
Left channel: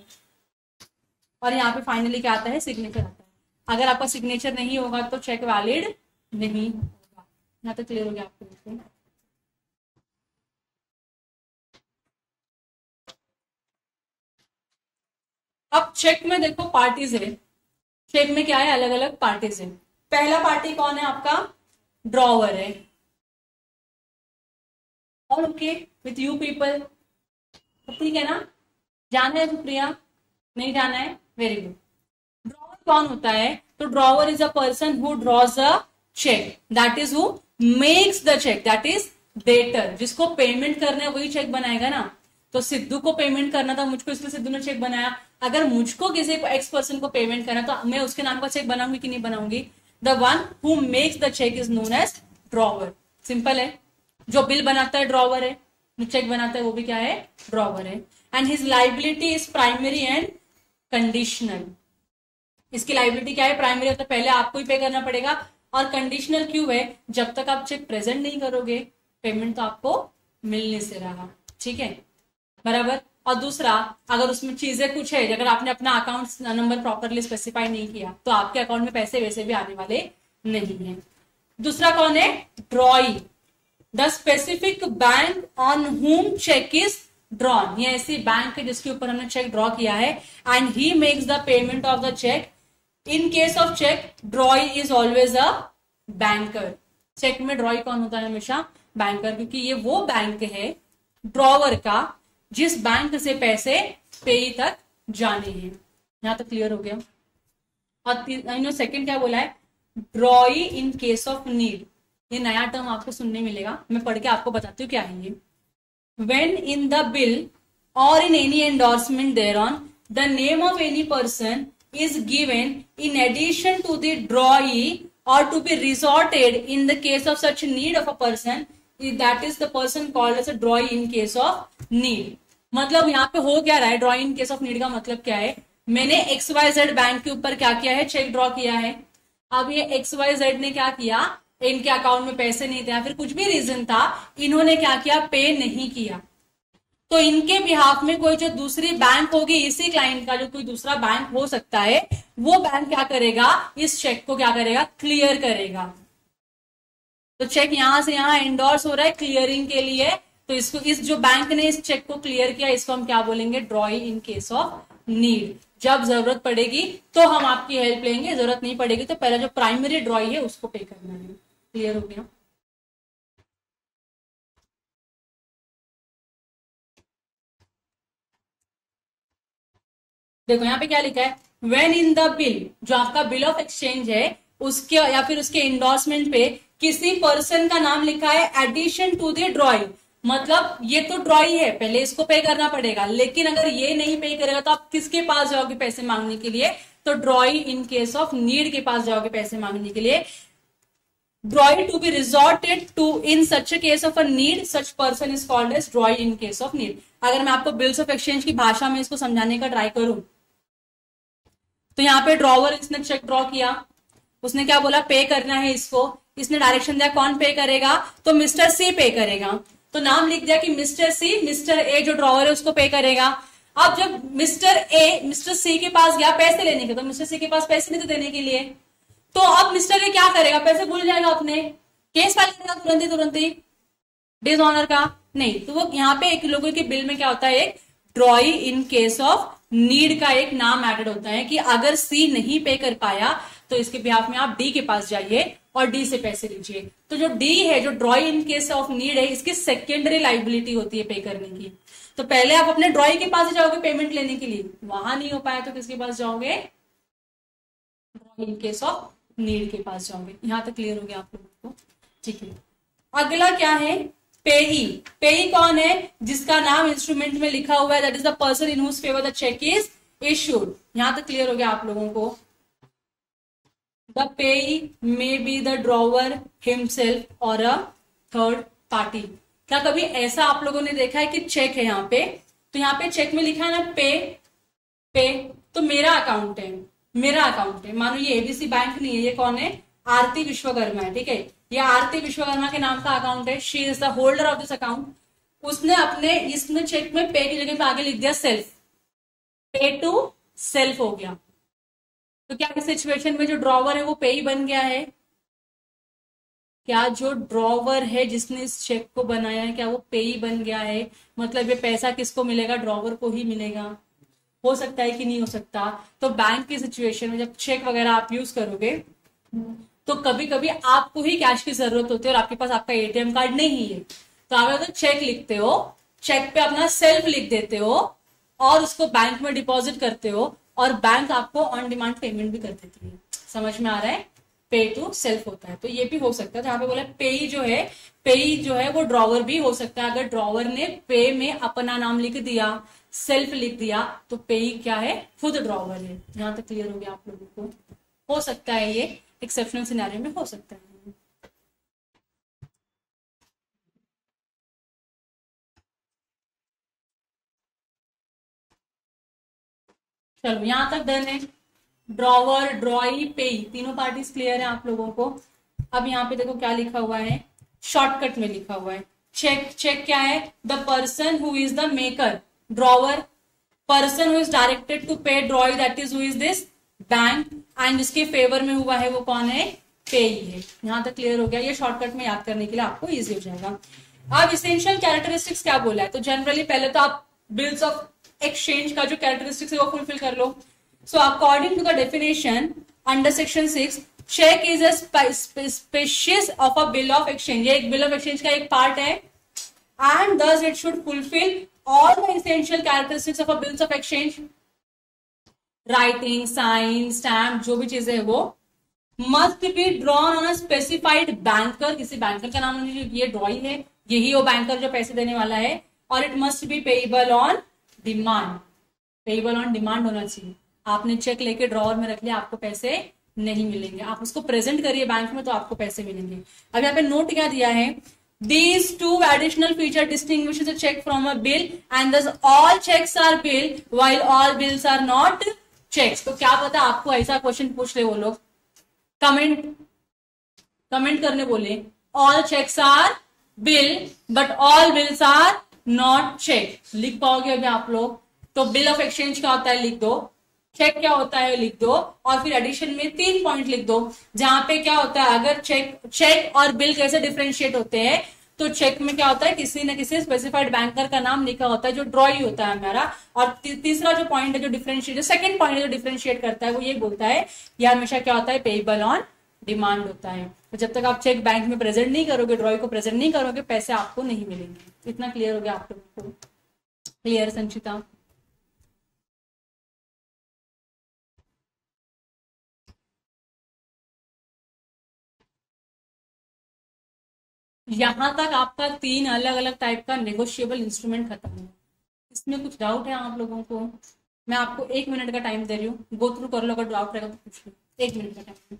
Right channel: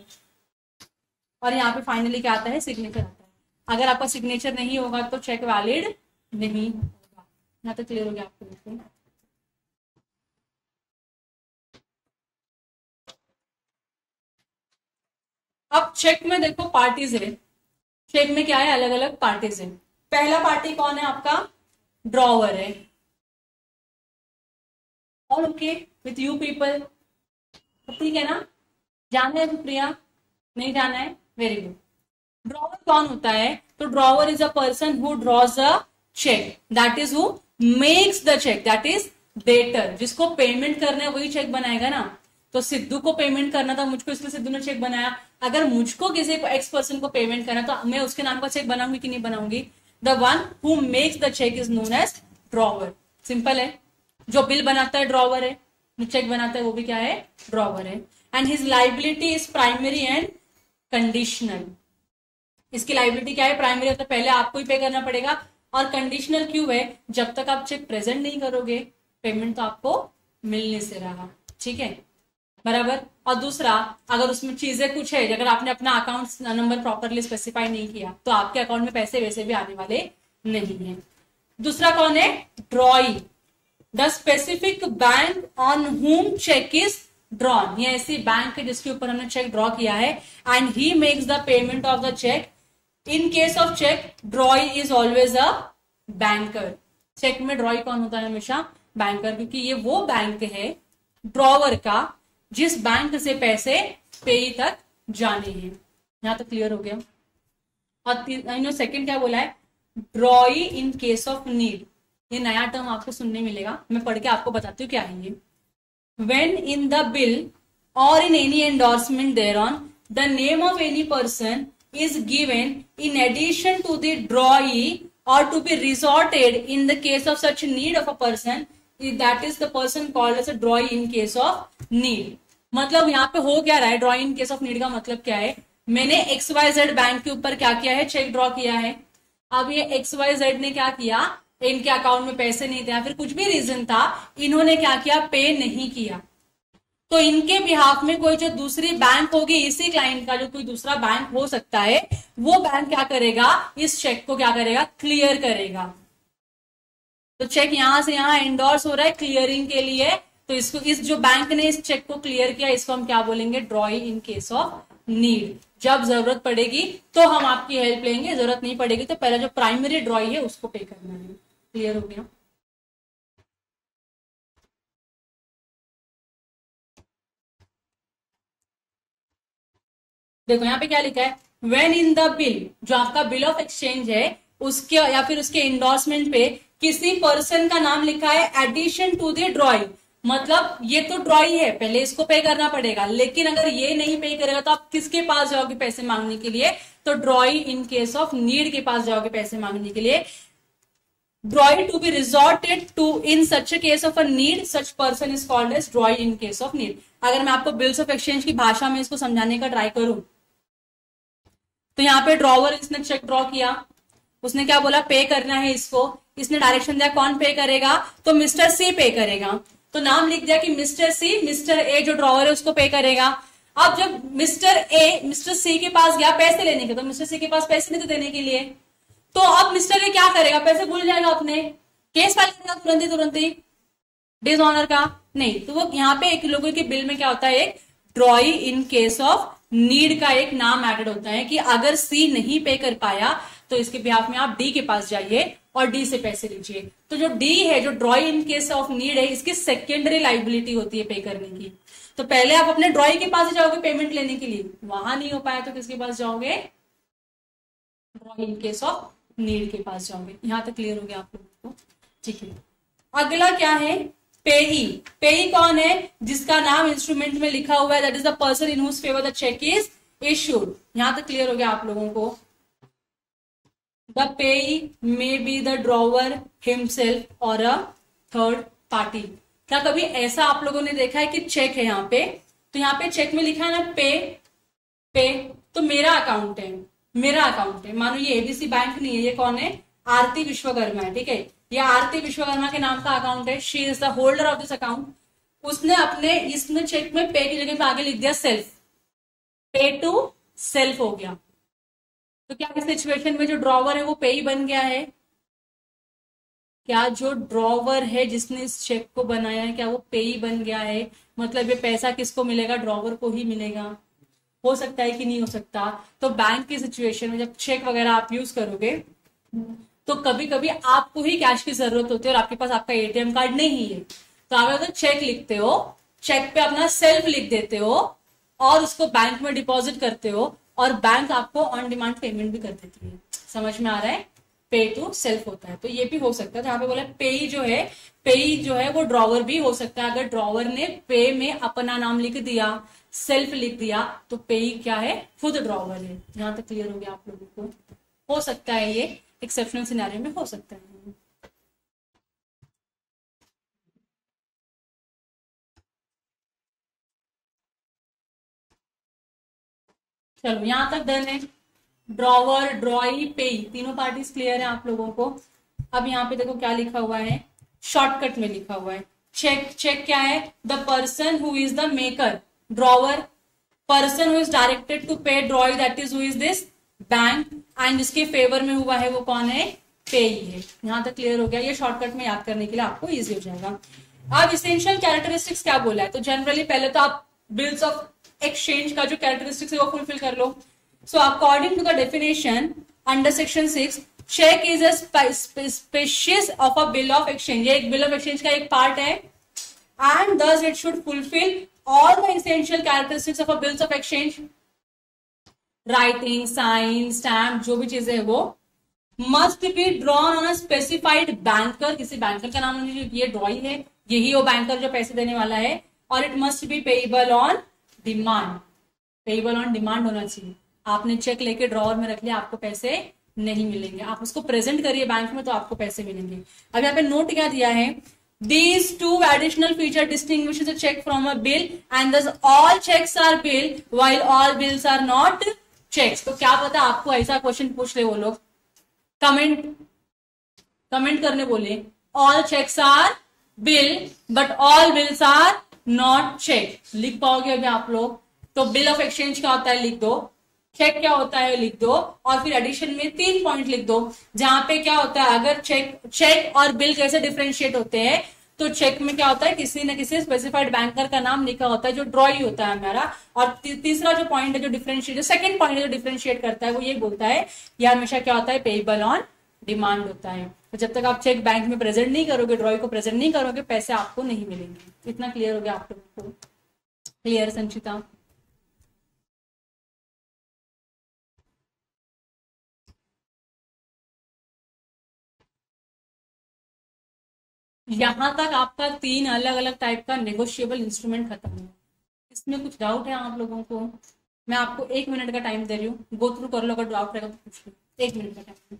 और यहाँ पे फाइनली क्या आता है, सिग्नेचर आता है। अगर आपका सिग्नेचर नहीं होगा तो चेक वैलिड नहीं होगा। यहाँ तक क्लियर हो गया आपको। अब चेक में देखो पार्टीज है, चेक में क्या है, अलग अलग पार्टीज है। पहला पार्टी कौन है आपका, ड्रॉवर है। और ओके विथ यू पीपल, ठीक है ना, जाना है सुप्रिया, नहीं जाना है, वेरी गुड। ड्रॉवर कौन होता है, तो drawer is a person who draws a cheque, that is who makes the cheque, that is debtor. जिसको पेमेंट करना है वही चेक बनाएगा ना। तो सिद्धू को पेमेंट करना था मुझको, इसलिए सिद्धू ने चेक बनाया। अगर मुझको किसी एक्स पर्सन को पेमेंट करना तो मैं उसके नाम का चेक बनाऊंगी कि नहीं बनाऊंगी। The one who makes the cheque is known as drawer. Simple है, जो बिल बनाता है ड्रॉवर है, जो चेक बनाता है वो भी क्या है, ड्रॉवर है। And his liability is primary and conditional. इसकी लाइबिलिटी क्या है, प्राइमरी मतलब पहले आपको ही पे करना पड़ेगा, और कंडीशनल क्यों है, जब तक आप चेक प्रेजेंट नहीं करोगे पेमेंट तो आपको मिल नहीं से रहा, ठीक है, बराबर। और दूसरा, अगर उसमें चीजें कुछ है, अगर आपने अपना अकाउंट नंबर प्रॉपरली स्पेसिफाई नहीं किया तो आपके अकाउंट में पैसे वैसे भी आने वाले नहीं है। दूसरा कौन है, ड्रॉई, द स्पेसिफिक बैंक ऑन हुम चेक इज ड्रॉन। ये ऐसी बैंक है जिसके ऊपर हमने चेक ड्रॉ किया है, and he makes the payment of the cheque. In case of cheque drawee is always a banker. Cheque में ड्रॉई कौन होता है, हमेशा बैंकर, क्योंकि ये वो बैंक है ड्रॉवर का जिस बैंक से पैसे पेई तक जाने हैं। यहां तक क्लियर हो गया। और सेकंड क्या बोला है, drawee in case of need. ये नया टर्म आपको सुनने मिलेगा, मैं पढ़ के आपको बताती हूँ क्या है ये। When in the bill or in any endorsement thereon, the name of any person is given in addition to the drawee or to be resorted in the case of such need of a person that is the person called as a drawee in case of need. मतलब यहाँ पे हो क्या रहा है, drawee in case of need का मतलब क्या है, मैंने XYZ बैंक के ऊपर क्या किया है, चेक ड्रॉ किया है। अब ये XYZ ने क्या किया, इनके अकाउंट में पैसे नहीं थे या फिर कुछ भी रीजन था, इन्होंने क्या किया, पे नहीं किया। तो इनके बिहाफ में कोई जो दूसरी बैंक होगी, इसी क्लाइंट का जो कोई दूसरा बैंक हो सकता है, वो बैंक क्या करेगा, इस चेक को क्या करेगा, क्लियर करेगा। तो चेक यहां से यहां एंडोर्स हो रहा है क्लियरिंग के लिए, तो इसको, इस जो बैंक ने इस चेक को क्लियर किया, इसको हम क्या बोलेंगे, ड्रॉई इन केस ऑफ नीड। जब जरूरत पड़ेगी तो हम आपकी हेल्प लेंगे, जरूरत नहीं पड़ेगी तो पहले जो प्राइमरी ड्रॉई है उसको पे करना है। क्लियर हो गया। देखो यहाँ पे क्या लिखा है, व्हेन इन द बिल, जो आपका बिल ऑफ एक्सचेंज है उसके या फिर उसके इंडोर्समेंट पे किसी पर्सन का नाम लिखा है एडिशन टू द ड्रॉइंग, मतलब ये तो ड्रॉई है, पहले इसको पे करना पड़ेगा, लेकिन अगर ये नहीं पे करेगा तो आप किसके पास जाओगे पैसे मांगने के लिए, तो drawee in case of need के पास जाओगे पैसे मांगने के लिए। Drawee to be resorted to in such case of a need, such person is called as drawee in case of need. अगर मैं आपको बिल्स ऑफ एक्सचेंज की भाषा में इसको समझाने का ट्राई करूं, तो यहाँ पे ड्रॉवर, इसने चेक ड्रॉ किया, उसने क्या बोला, पे करना है इसको, इसने डायरेक्शन दिया कौन पे करेगा, तो मिस्टर सी पे करेगा। तो नाम लिख दिया कि मिस्टर सी, मिस्टर ए जो ड्रॉवर है उसको पे करेगा। अब जब मिस्टर ए मिस्टर सी के पास गया पैसे लेने के, तो मिस्टर सी के पास पैसे नहीं थे देने के लिए, तो अब मिस्टर ए क्या करेगा, पैसे भूल जाएगा, अपने केस फाइल करेगा तुरंत ही डिसऑनर का नहीं। तो वो यहाँ पे एक लोगों के बिल में क्या होता है, drawee in case of need का एक नाम एडेड होता है कि अगर सी नहीं पे कर पाया तो इसके बिहाफ में आप डी के पास जाइए और डी से पैसे लीजिए। तो जो डी है, जो ड्रॉई इन केस ऑफ नीड है, इसकी सेकेंडरी लाइबिलिटी होती है पे करने की। तो पहले आप अपने ड्रॉई के पास जाओगे पेमेंट लेने के लिए, वहां नहीं हो पाया तो किसके पास जाओगे, ड्रॉई इन केस ऑफ नीड के पास जाओगे। यहां तक क्लियर हो गया आप लोगों को, ठीक है। अगला क्या है, पेई। पेई कौन है, जिसका नाम इंस्ट्रूमेंट में लिखा हुआ है, that is the person in whose favour the cheque is issued. यहां तक क्लियर हो गया आप लोगों को। द पेई may be the drawer himself और अ थर्ड पार्टी। क्या कभी ऐसा आप लोगों ने देखा है कि चेक है यहाँ पे, तो यहाँ पे चेक में लिखा है ना पे, पे, तो मेरा अकाउंट है, मेरा अकाउंट है, मानो ये एबीसी बैंक नहीं है, ये कौन है, आरती विश्वकर्मा है, ठीक है, ये आरती विश्वकर्मा के नाम का अकाउंट है, she is the holder of this account. उसने अपने इसमें चेक में पे की जगह पे आगे लिख दिया सेल्फ, पे टू सेल्फ हो गया। तो क्या इस सिचुएशन में जो ड्रॉवर है वो पे ही बन गया है, क्या जो ड्रॉवर है जिसने इस चेक को बनाया है, क्या वो पे ही बन गया है, मतलब ये पैसा किसको मिलेगा, ड्रॉवर को ही मिलेगा। हो सकता है कि नहीं हो सकता। तो बैंक की सिचुएशन में जब चेक वगैरह आप यूज करोगे तो कभी कभी आपको ही कैश की जरूरत होती है और आपके पास आपका एटीएम कार्ड नहीं है, तो आप तो चेक लिखते हो, चेक पे अपना सेल्फ लिख देते हो और उसको बैंक में डिपॉजिट करते हो और बैंक आपको ऑन डिमांड पेमेंट भी कर देती है। समझ में आ रहा है, पे टू सेल्फ होता है। तो ये भी हो सकता है, तो यहाँ पे बोला पेई जो है वो ड्रॉवर भी हो सकता है। अगर ड्रॉवर ने पे में अपना नाम लिख दिया, सेल्फ लिख दिया, तो पेई क्या है, खुद ड्रॉवर है। यहाँ तक क्लियर हो गया आप लोगों को। हो सकता है ये एक्सेप्शनल सिनेरियो में हो सकता है। चलो यहां तक डन है। ड्रॉवर, ड्रॉई, पेई, तीनों पार्टीज क्लियर है आप लोगों को। अब यहाँ पे देखो क्या लिखा हुआ है, शॉर्टकट में लिखा हुआ है चेक। चेक क्या है, the person who is the maker, drawer, person who is directed to pay drawee, that is who is this bank, and इसके फेवर में हुआ है वो कौन है, पे है। यहां तक क्लियर हो गया। ये शॉर्टकट में याद करने के लिए आपको इजी हो जाएगा। अब इसेंशियल कैरेक्टरिस्टिक्स क्या बोला है, तो जनरली पहले तो आप बिल्स ऑफ एक्सचेंज का जो कैरेक्टरिस्टिक्स है वो फुलफिल कर लो। So according to the definition under section 6, cheque is a species of a bill of exchange. ये एक बिल ऑफ एक्सचेंज का एक पार्ट है, and this it should fulfil all the essential characteristics of a bills of exchange. Writing, sign, stamp, जो भी चीजें है वो must be drawn on a specified banker, किसी बैंकर का नाम ये ड्रॉई है, यही वो बैंकर जो पैसे देने वाला है, और it must be payable on demand. Payable on demand होना चाहिए। आपने चेक लेके ड्रॉवर में रख लिया, आपको पैसे नहीं मिलेंगे, आप उसको प्रेजेंट करिए बैंक में तो आपको पैसे मिलेंगे। अब यहाँ पे नोट क्या दिया है, These two additional feature distinguishes a check from a bill and thus all checks are bill while all bills are not checks. तो क्या पता आपको ऐसा क्वेश्चन पूछ ले वो लोग, कमेंट करने बोले all checks are bill but all bills are not check. लिख पाओगे अभी आप लोग? तो बिल ऑफ एक्सचेंज क्या होता है लिख दो, चेक क्या होता है लिख दो, और फिर एडिशन में 3 पॉइंट लिख दो जहां पे क्या होता है, अगर चेक और बिल कैसे डिफरेंशिएट होते हैं, तो चेक में क्या होता है किसी न किसी स्पेसिफाइड बैंकर का नाम लिखा होता है जो ड्रॉई होता है हमारा, और तीसरा जो पॉइंट है जो डिफरेंशिएट, जो सेकंड पॉइंट है जो डिफरेंशिएट करता है वो ये बोलता है ये हमेशा क्या होता है पेएबल ऑन डिमांड होता है। तो जब तक आप चेक बैंक में प्रेजेंट नहीं करोगे, ड्रॉई को प्रेजेंट नहीं करोगे, पैसे आपको नहीं मिलेंगे। इतना क्लियर हो गया आप लोगों को? क्लियर संचिता? यहां तक आपका 3 अलग अलग टाइप का नेगोशिएबल इंस्ट्रूमेंट खत्म है। इसमें कुछ डाउट है आप लोगों को? मैं आपको 1 मिनट का टाइम दे रही हूँ, गो थ्रू कर लो, अगर डाउट रहेगा तो पूछ लो। 1 मिनट का टाइम।